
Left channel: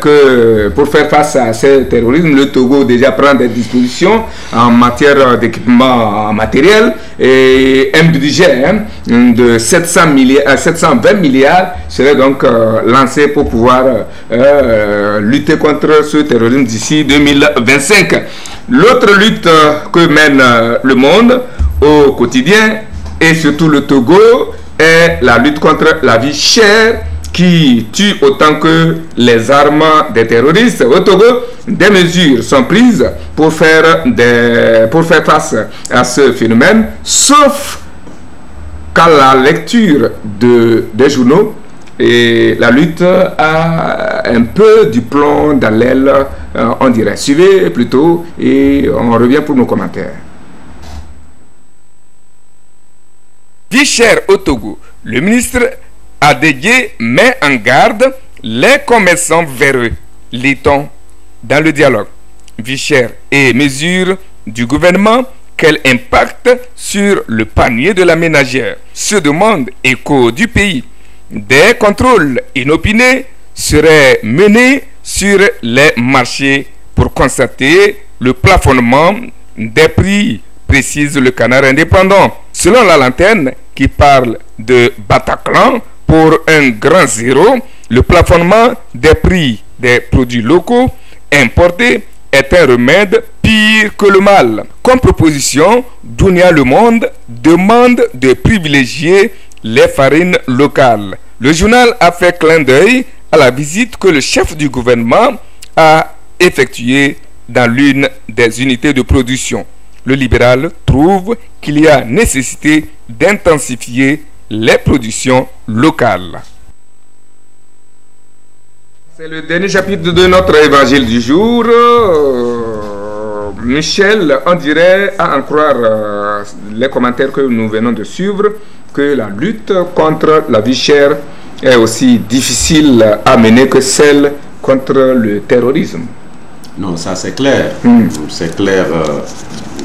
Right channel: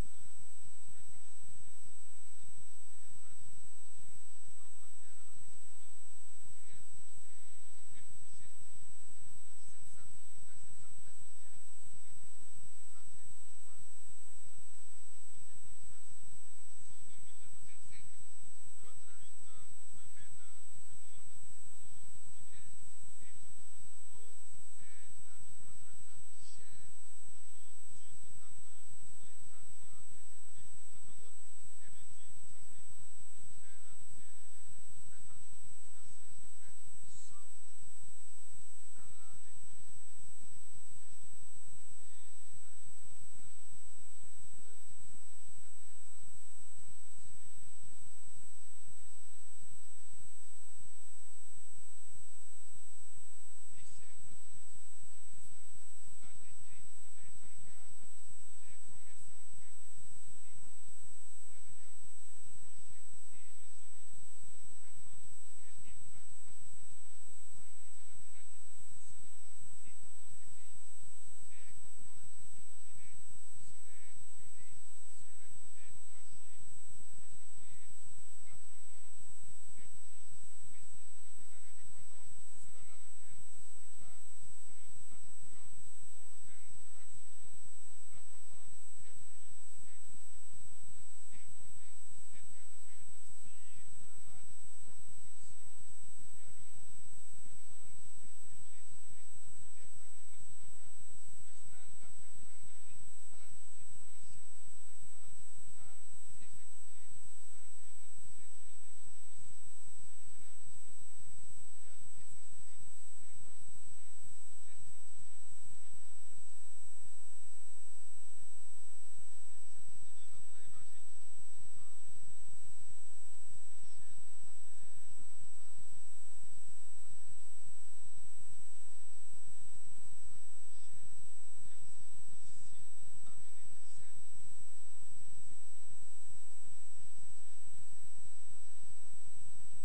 que pour faire face à ce terrorisme, le Togo déjà prend des dispositions en matière d'équipement matériel et un budget de 720 milliards serait donc lancé pour pouvoir lutter contre ce terrorisme d'ici 2025. L'autre lutte que mène le monde au quotidien et surtout le Togo est la lutte contre la vie chère qui tue autant que les armes des terroristes. Au Togo, des mesures sont prises pour faire face à ce phénomène, sauf qu'à la lecture des journaux, et la lutte a un peu du plomb dans l'aile, on dirait. Suivez plutôt et on revient pour nos commentaires. Vie chère au Togo, le ministre Adégué met en garde les commerçants véreux, lit-on dans le dialogue. Vie chère et mesures du gouvernement, quel impact sur le panier de la ménagère? Se demande Écho du pays. Des contrôles inopinés seraient menés sur les marchés pour constater le plafonnement des prix, précise le Canard indépendant. Selon la Lanterne, qui parle de Bataclan, pour un grand zéro, le plafonnement des prix des produits locaux importés est un remède pire que le mal. Comme proposition, Dunia Le Monde demande de privilégier les farines locales. Le journal a fait clin d'œil à la visite que le chef du gouvernement a effectuée dans l'une des unités de production. Le libéral trouve qu'il y a nécessité d'intensifier les productions locales. C'est le dernier chapitre de notre évangile du jour. Michel, on dirait, à en croire les commentaires que nous venons de suivre, que la lutte contre la vie chère est aussi difficile à mener que celle contre le terrorisme. Non, ça c'est clair. C'est clair.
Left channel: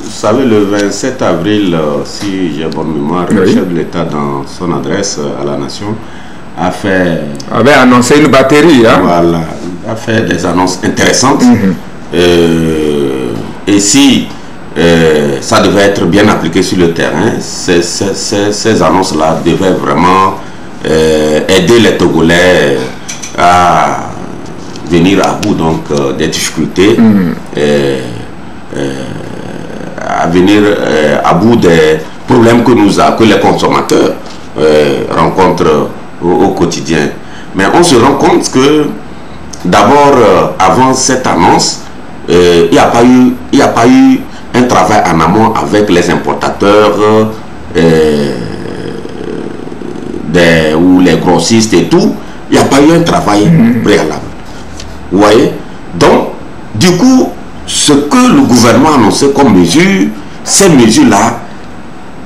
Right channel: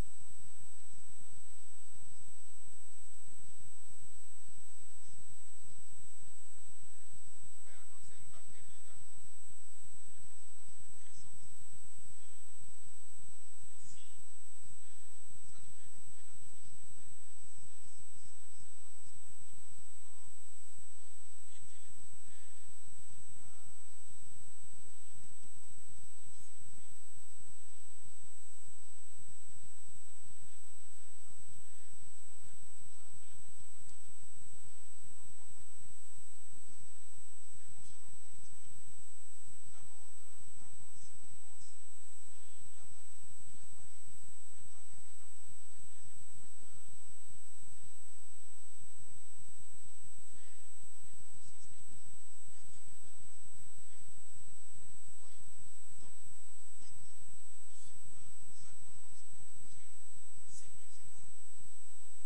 Vous savez, le 27 avril, si j'ai bonne mémoire, le chef de l'État, dans son adresse à la nation, avait annoncé une batterie. Voilà, a fait des annonces intéressantes. Et si ça devait être bien appliqué sur le terrain, ces annonces-là devaient vraiment aider les Togolais à venir à bout donc des difficultés, à venir à bout des problèmes que les consommateurs rencontrent au quotidien. Mais on se rend compte que d'abord, avant cette annonce, il n'y a pas eu un travail en amont avec les importateurs ou les grossistes et tout. Il n'y a pas eu un travail préalable. Vous voyez? Donc, du coup, ce que le gouvernement a annoncé comme mesure, ces mesures-là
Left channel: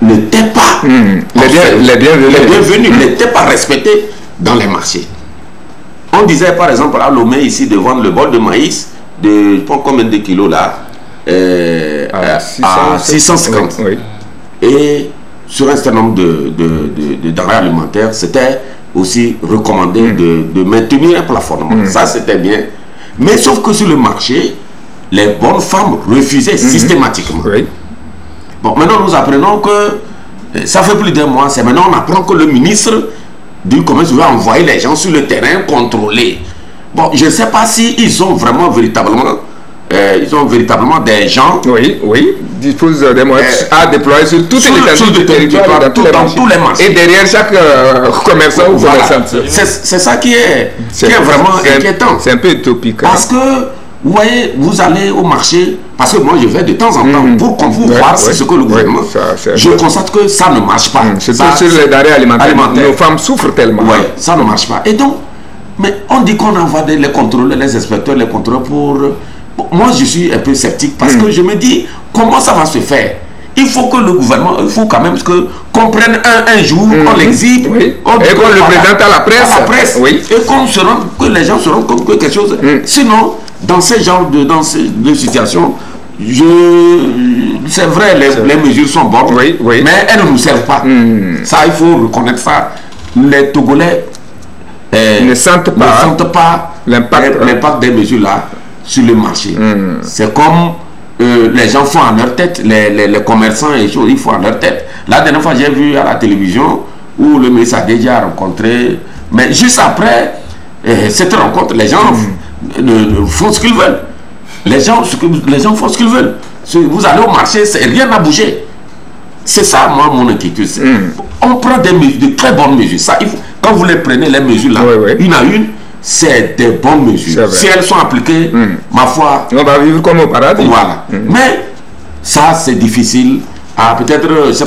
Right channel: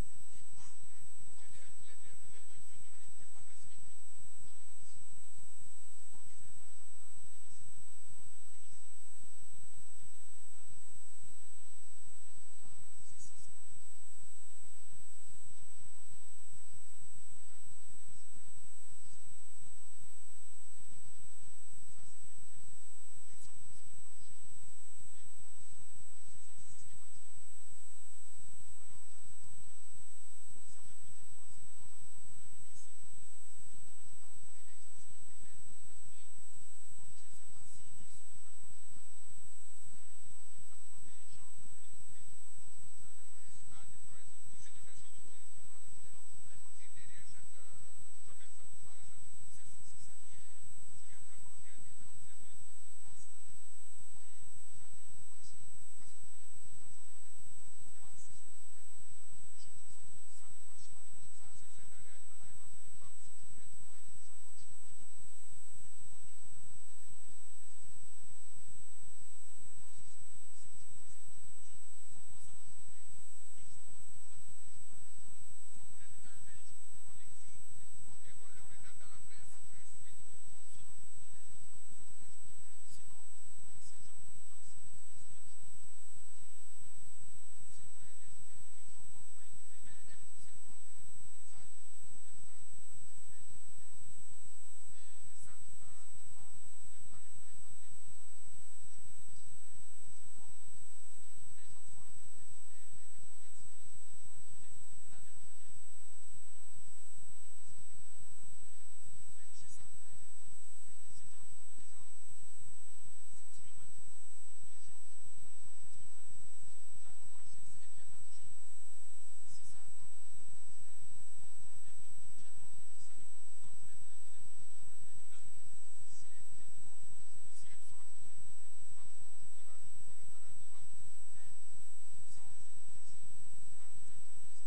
n'étaient pas les bienvenus, n'étaient pas respectées dans les marchés. On disait par exemple à Lomé ici de vendre le bol de maïs de, je ne sais pas combien de kilos là, à 650. Oui. Et sur un certain nombre de denrées alimentaires, c'était aussi recommandé de maintenir un plafonnement. Ça, c'était bien. Mais sauf que sur le marché, les bonnes femmes refusaient systématiquement. Oui. Bon, maintenant, nous apprenons que ça fait plus d'un mois. C'est maintenant on apprend que le ministre du commerce va envoyer les gens sur le terrain contrôler. Bon, je ne sais pas si ils ont vraiment, véritablement ils ont véritablement des gens. Oui, disposent des moyens à déployer sur toutes les étendues du territoire, dans tous les marchés. Et derrière chaque commerçant ou commerçante. C'est ça qui est vraiment inquiétant. C'est un peu utopique. Parce que, vous voyez, vous allez au marché, parce que moi je vais de temps en temps pour qu'on vous voit ce que le gouvernement. Je constate que ça ne marche pas. C'est sur les denrées alimentaires. Nos femmes souffrent tellement. Oui, ça ne marche pas. Et donc, mais on dit qu'on envoie les contrôleurs, les inspecteurs, les contrôleurs pour... Moi je suis un peu sceptique parce que je me dis, comment ça va se faire? Il faut que le gouvernement, il faut quand même qu'on prenne un jour, on l'exhibe, et qu'on le présente à la presse. Et que les gens se rendent compte que quelque chose... Sinon, dans ce genre de situation, c'est vrai, les mesures sont bonnes, mais elles ne nous servent pas. Ça, il faut reconnaître ça. Les Togolais ne sentent pas l'impact des mesures là sur le marché. C'est comme les gens font à leur tête, les commerçants et choses, ils font à leur tête. La dernière fois, j'ai vu à la télévision où le ministre a déjà rencontré, mais juste après cette rencontre, les gens font ce qu'ils veulent. Les gens font ce qu'ils veulent. Vous allez au marché, rien n'a bougé. C'est ça, moi, mon inquiétude. On prend de très bonnes mesures. Ça, quand vous les prenez, les mesures là, une à une, c'est des bonnes mesures. Si elles sont appliquées, ma foi, on va vivre comme au paradis. Voilà. Mais ça, c'est difficile. Peut-être, je ne sais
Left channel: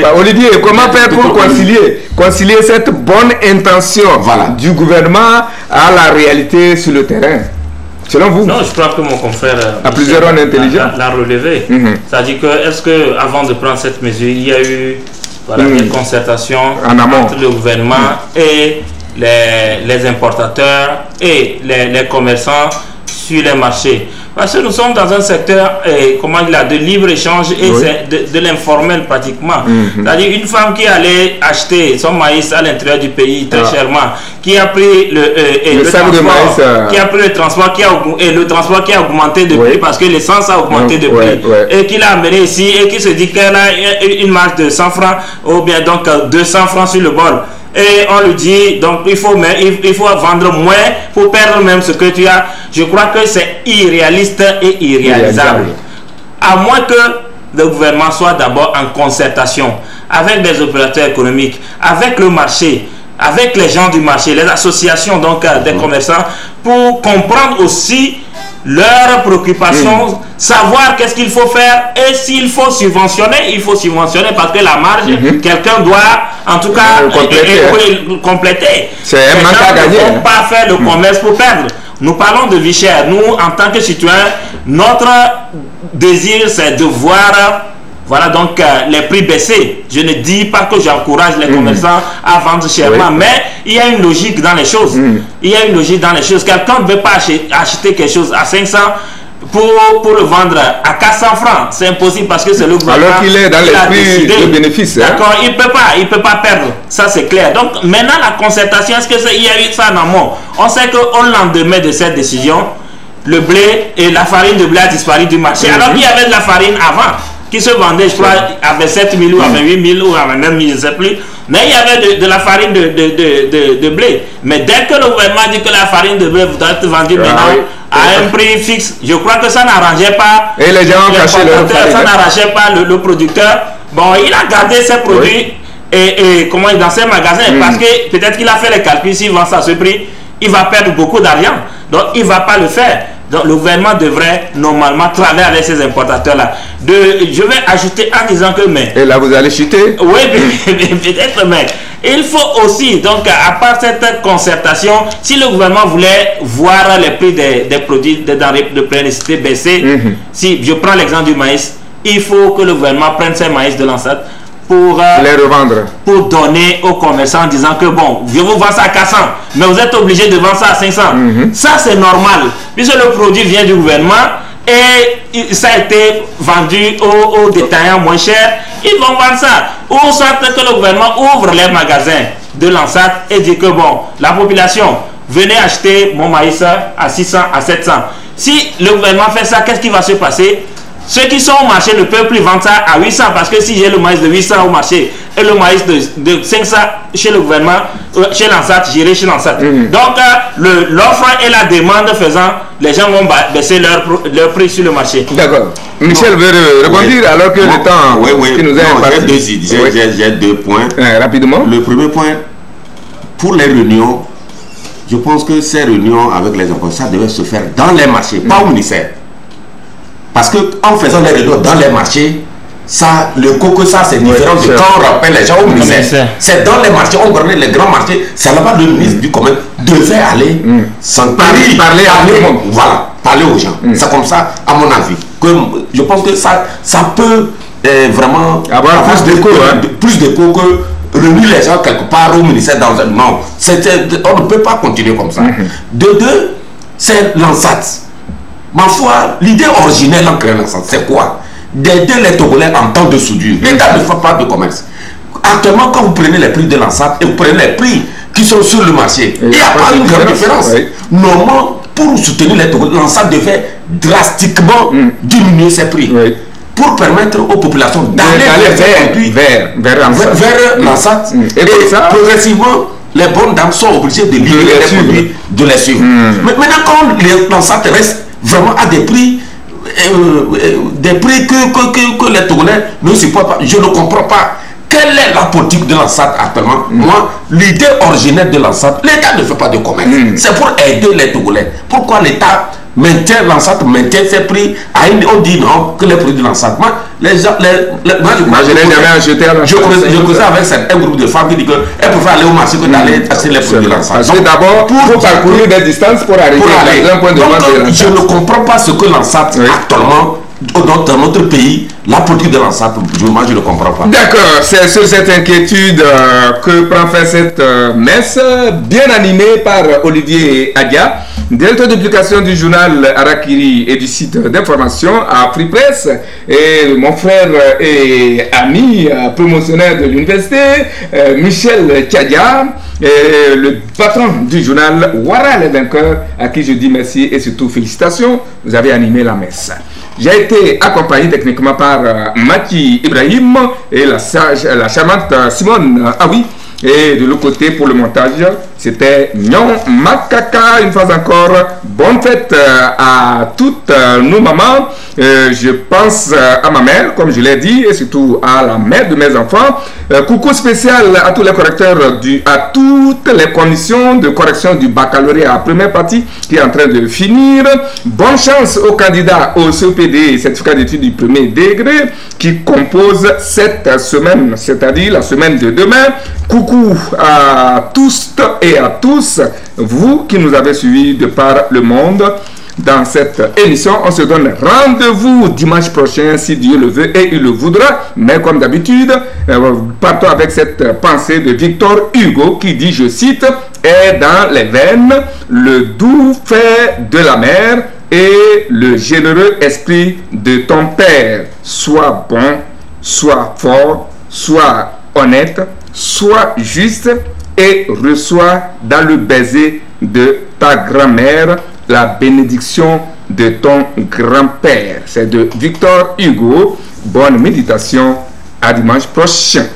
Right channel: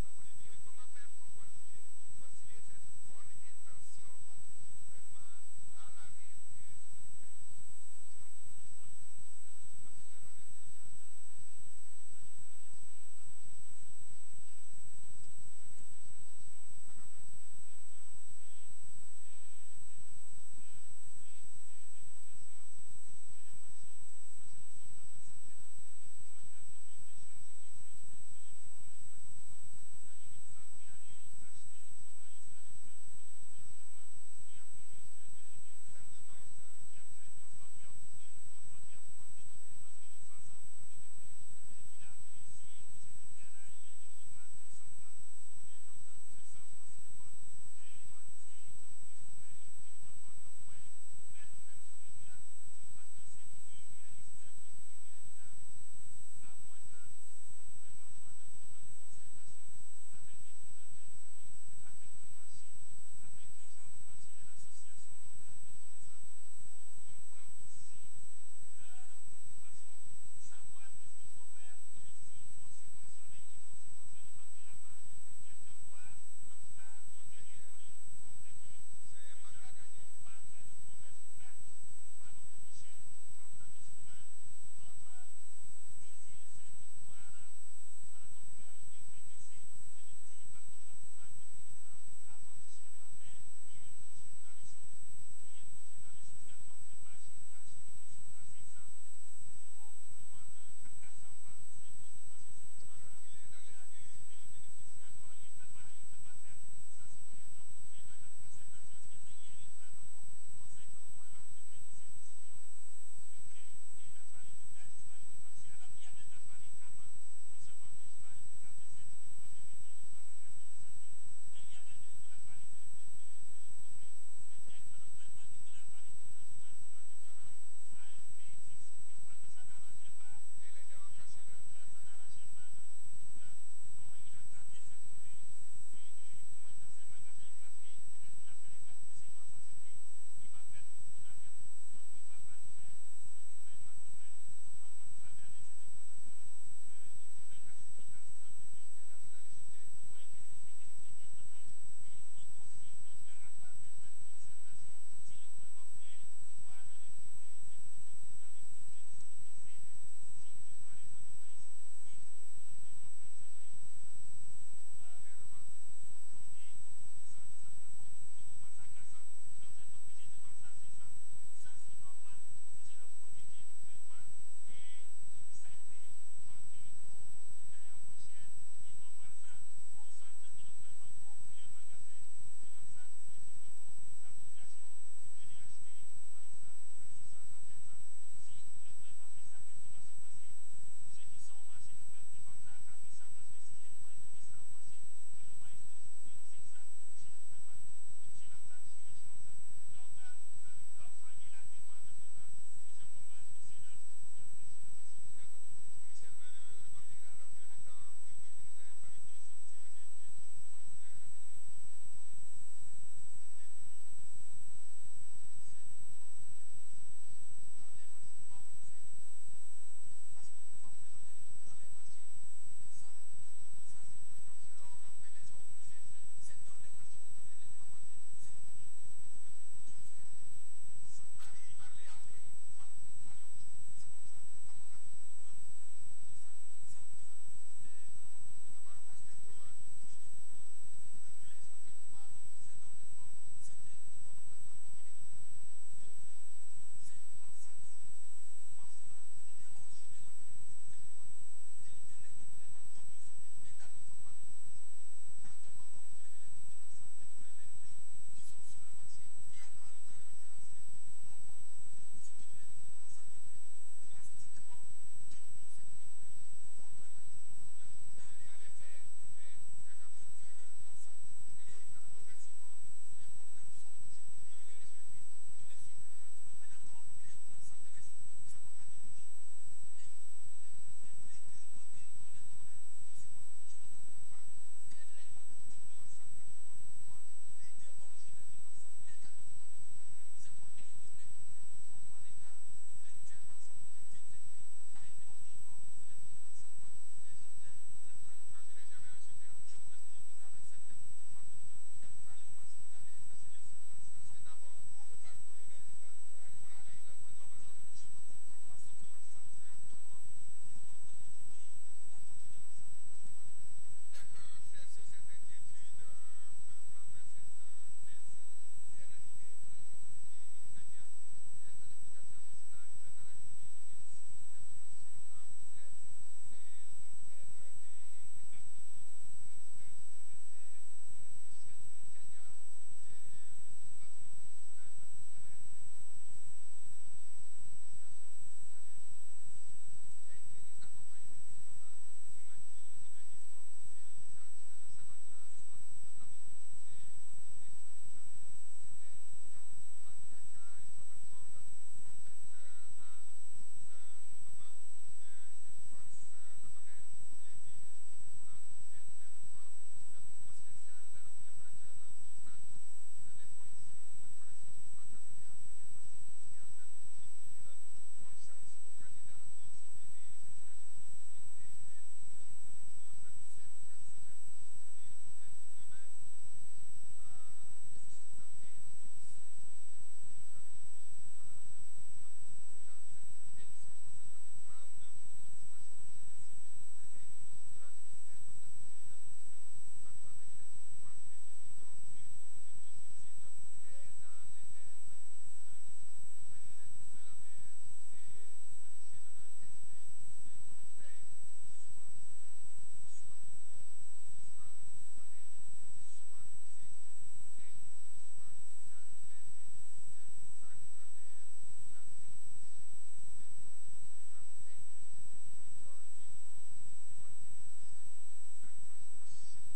pas, Olivier, comment faire pour concilier cette bonne intention du gouvernement à la réalité sur le terrain? Selon vous? Non, je crois que mon confrère à plusieurs zones intelligents l'a relevé. C'est-à-dire que, est-ce que avant de prendre cette mesure, il y a eu des concertations entre le gouvernement et les importateurs et les commerçants sur les marchés? Parce que nous sommes dans un secteur de libre-échange et de l'informel pratiquement. C'est-à-dire une femme qui allait acheter son maïs à l'intérieur du pays très chèrement, qui a pris le transport qui a augmenté de prix parce que l'essence a augmenté de prix et qui l'a amené ici et qui se dit qu'elle a une marge de 100 francs ou bien donc 200 francs sur le bol. Et on lui dit, donc il faut vendre moins pour perdre même ce que tu as. Je crois que c'est irréaliste et irréalisable. À moins que le gouvernement soit d'abord en concertation avec des opérateurs économiques, avec le marché, avec les gens du marché, les associations donc des commerçants, pour comprendre aussi leurs préoccupations, savoir qu'est-ce qu'il faut faire et s'il faut subventionner, il faut subventionner parce que la marge, quelqu'un doit en tout cas compléter. C'est un manque à gagner. Il ne faut pas faire le commerce pour perdre. Nous parlons de vie chère. Nous, en tant que citoyens, notre désir, c'est de voir donc les prix baisser. Je ne dis pas que j'encourage les commerçants à vendre chèrement, mais il y a une logique dans les choses. Il y a une logique dans les choses. Quelqu'un ne veut pas acheter quelque chose à 500 pour le vendre à 400 francs. C'est impossible parce que c'est le gouvernement. Alors qu'il est dans l'esprit de bénéfice. D'accord, il peut pas perdre. Ça, c'est clair. Donc, maintenant, la concertation, est-ce qu'il y a eu ça en amont? On sait qu'au lendemain de cette décision, le blé et la farine de blé a disparu du marché. Alors qu'il y avait de la farine avant qui se vendait, je crois, à 27 000 ou à 28 000 ou à 29 000, je ne sais plus. Mais il y avait de la farine de blé. Mais dès que le gouvernement dit que la farine de blé doit être vendue maintenant à un prix fixe, je crois que ça n'arrangeait pas. Et les gens ont caché leur farine. Ça n'arrangeait pas le producteur. Bon, il a gardé ses produits dans ses magasins parce que peut-être qu'il a fait les calculs, s'il vend ça à ce prix, il va perdre beaucoup d'argent. Donc, il ne va pas le faire. Donc, le gouvernement devrait normalement travailler avec ces importateurs-là. Je vais ajouter en disant que... Et là, vous allez chuter? Oui, peut-être, mais il faut aussi, donc, à part cette concertation, si le gouvernement voulait voir les prix des produits, des denrées de première nécessité baisser, si je prends l'exemple du maïs, il faut que le gouvernement prenne ses maïs de l'ancêtre pour les revendre, pour donner aux commerçants en disant que bon, je vous vends ça à 400 mais vous êtes obligé de vendre ça à 500. Ça c'est normal puisque le produit vient du gouvernement et ça a été vendu aux détaillants moins cher, ils vont vendre ça. Ou soit que le gouvernement ouvre les magasins de l'ANSAT et dit que bon, la population, venez acheter mon maïs à 600, à 700. Si le gouvernement fait ça, qu'est-ce qui va se passer? Ceux qui sont au marché ne peuvent plus vendre ça à 800 parce que si j'ai le maïs de 800 au marché et le maïs de 500 chez le gouvernement, chez l'ANSAT, j'irai chez l'ANSAT. Donc l'offre et la demande faisant, les gens vont baisser leur prix sur le marché. D'accord. Michel veut rebondir alors que le temps qui nous est j'ai deux points. Rapidement. Le premier point, pour les réunions, je pense que ces réunions avec les importateurs, ça devait se faire dans les marchés, pas au ministère. Parce qu'en faisant les réunions dans les marchés, ça, le coco, ça c'est différent de quand on rappelle les gens au ministère. C'est dans les marchés, on connaît les grands marchés, c'est là-bas le ministre du commerce devait aller parler à tout le monde. Voilà, parler aux gens. C'est comme ça, à mon avis, que je pense que ça peut vraiment avoir plus d'écho que réunir les gens quelque part au ministère dans un... Non, on ne peut pas continuer comme ça. De deux, c'est l'ANSAT. Ma foi, l'idée originelle en créant l'ANSAT, c'est quoi? D'aider les Togolais en temps de soudure. L'État ne fait pas de commerce. Actuellement, quand vous prenez les prix de l'ANSAT et vous prenez les prix qui sont sur le marché, il n'y a pas une grande différence. Normalement, pour soutenir les Togolais, l'ANSAT devait drastiquement diminuer ses prix. Pour permettre aux populations d'aller vers l'ANSAT. Et progressivement, les bonnes dames sont obligées de livrer les produits, de les suivre. Mais maintenant, quand l'ANSAT reste vraiment à des prix que les Togolais ne supportent pas, je ne comprends pas. Quelle est la politique de l'ANSAT actuellement? Moi, l'idée originelle de l'ANSAT, l'État ne fait pas de commerce. C'est pour aider les Togolais. Pourquoi l'État maintient l'ANSAT, maintient ses prix? On dit non, que les produits de l'ANSAT. Moi, je n'ai jamais acheté à l'ANSAT. Je causais avec un groupe de femmes qui dit qu'elles préfèrent aller au marché que d'aller acheter les produits de l'ANSAT. Donc d'abord, pour parcourir des distances pour arriver à un point de vente de l'ANSAT. Je ne comprends pas ce que l'ANSAT actuellement, dans notre pays, la politique de l'ANSAT, moi je ne comprends pas. D'accord, c'est sur cette inquiétude que prend fin cette messe, bien animée par Olivier Adia, directeur de publication du journal Harakiri et du site d'information à Free Press, et mon frère et ami promotionnaire de l'université, Michel Tchadia, le patron du journal Ouara les vainqueurs, à qui je dis merci et surtout félicitations, vous avez animé la messe. J'ai été accompagné techniquement par Maki Ibrahim et la charmante Simone Aoui. Et de l'autre côté, pour le montage, c'était Nyon Makaka. Une fois encore, bonne fête à toutes nos mamans. Je pense à ma mère, comme je l'ai dit, et surtout à la mère de mes enfants. Coucou spécial à tous les correcteurs, à toutes les commissions de correction du baccalauréat première partie qui est en train de finir. Bonne chance aux candidats au CEPD, certificat d'études du premier degré, qui compose cette semaine, c'est-à-dire la semaine de demain. Coucou à tous et à tous, vous qui nous avez suivis de par le monde dans cette émission. On se donne rendez-vous dimanche prochain si Dieu le veut et il le voudra. Mais comme d'habitude, partons avec cette pensée de Victor Hugo qui dit, je cite, est dans les veines le doux fait de la mer et le généreux esprit de ton père. Sois bon, sois fort, sois honnête, sois juste et reçois dans le baiser de ta grand-mère la bénédiction de ton grand-père. C'est de Victor Hugo. Bonne méditation. À dimanche prochain.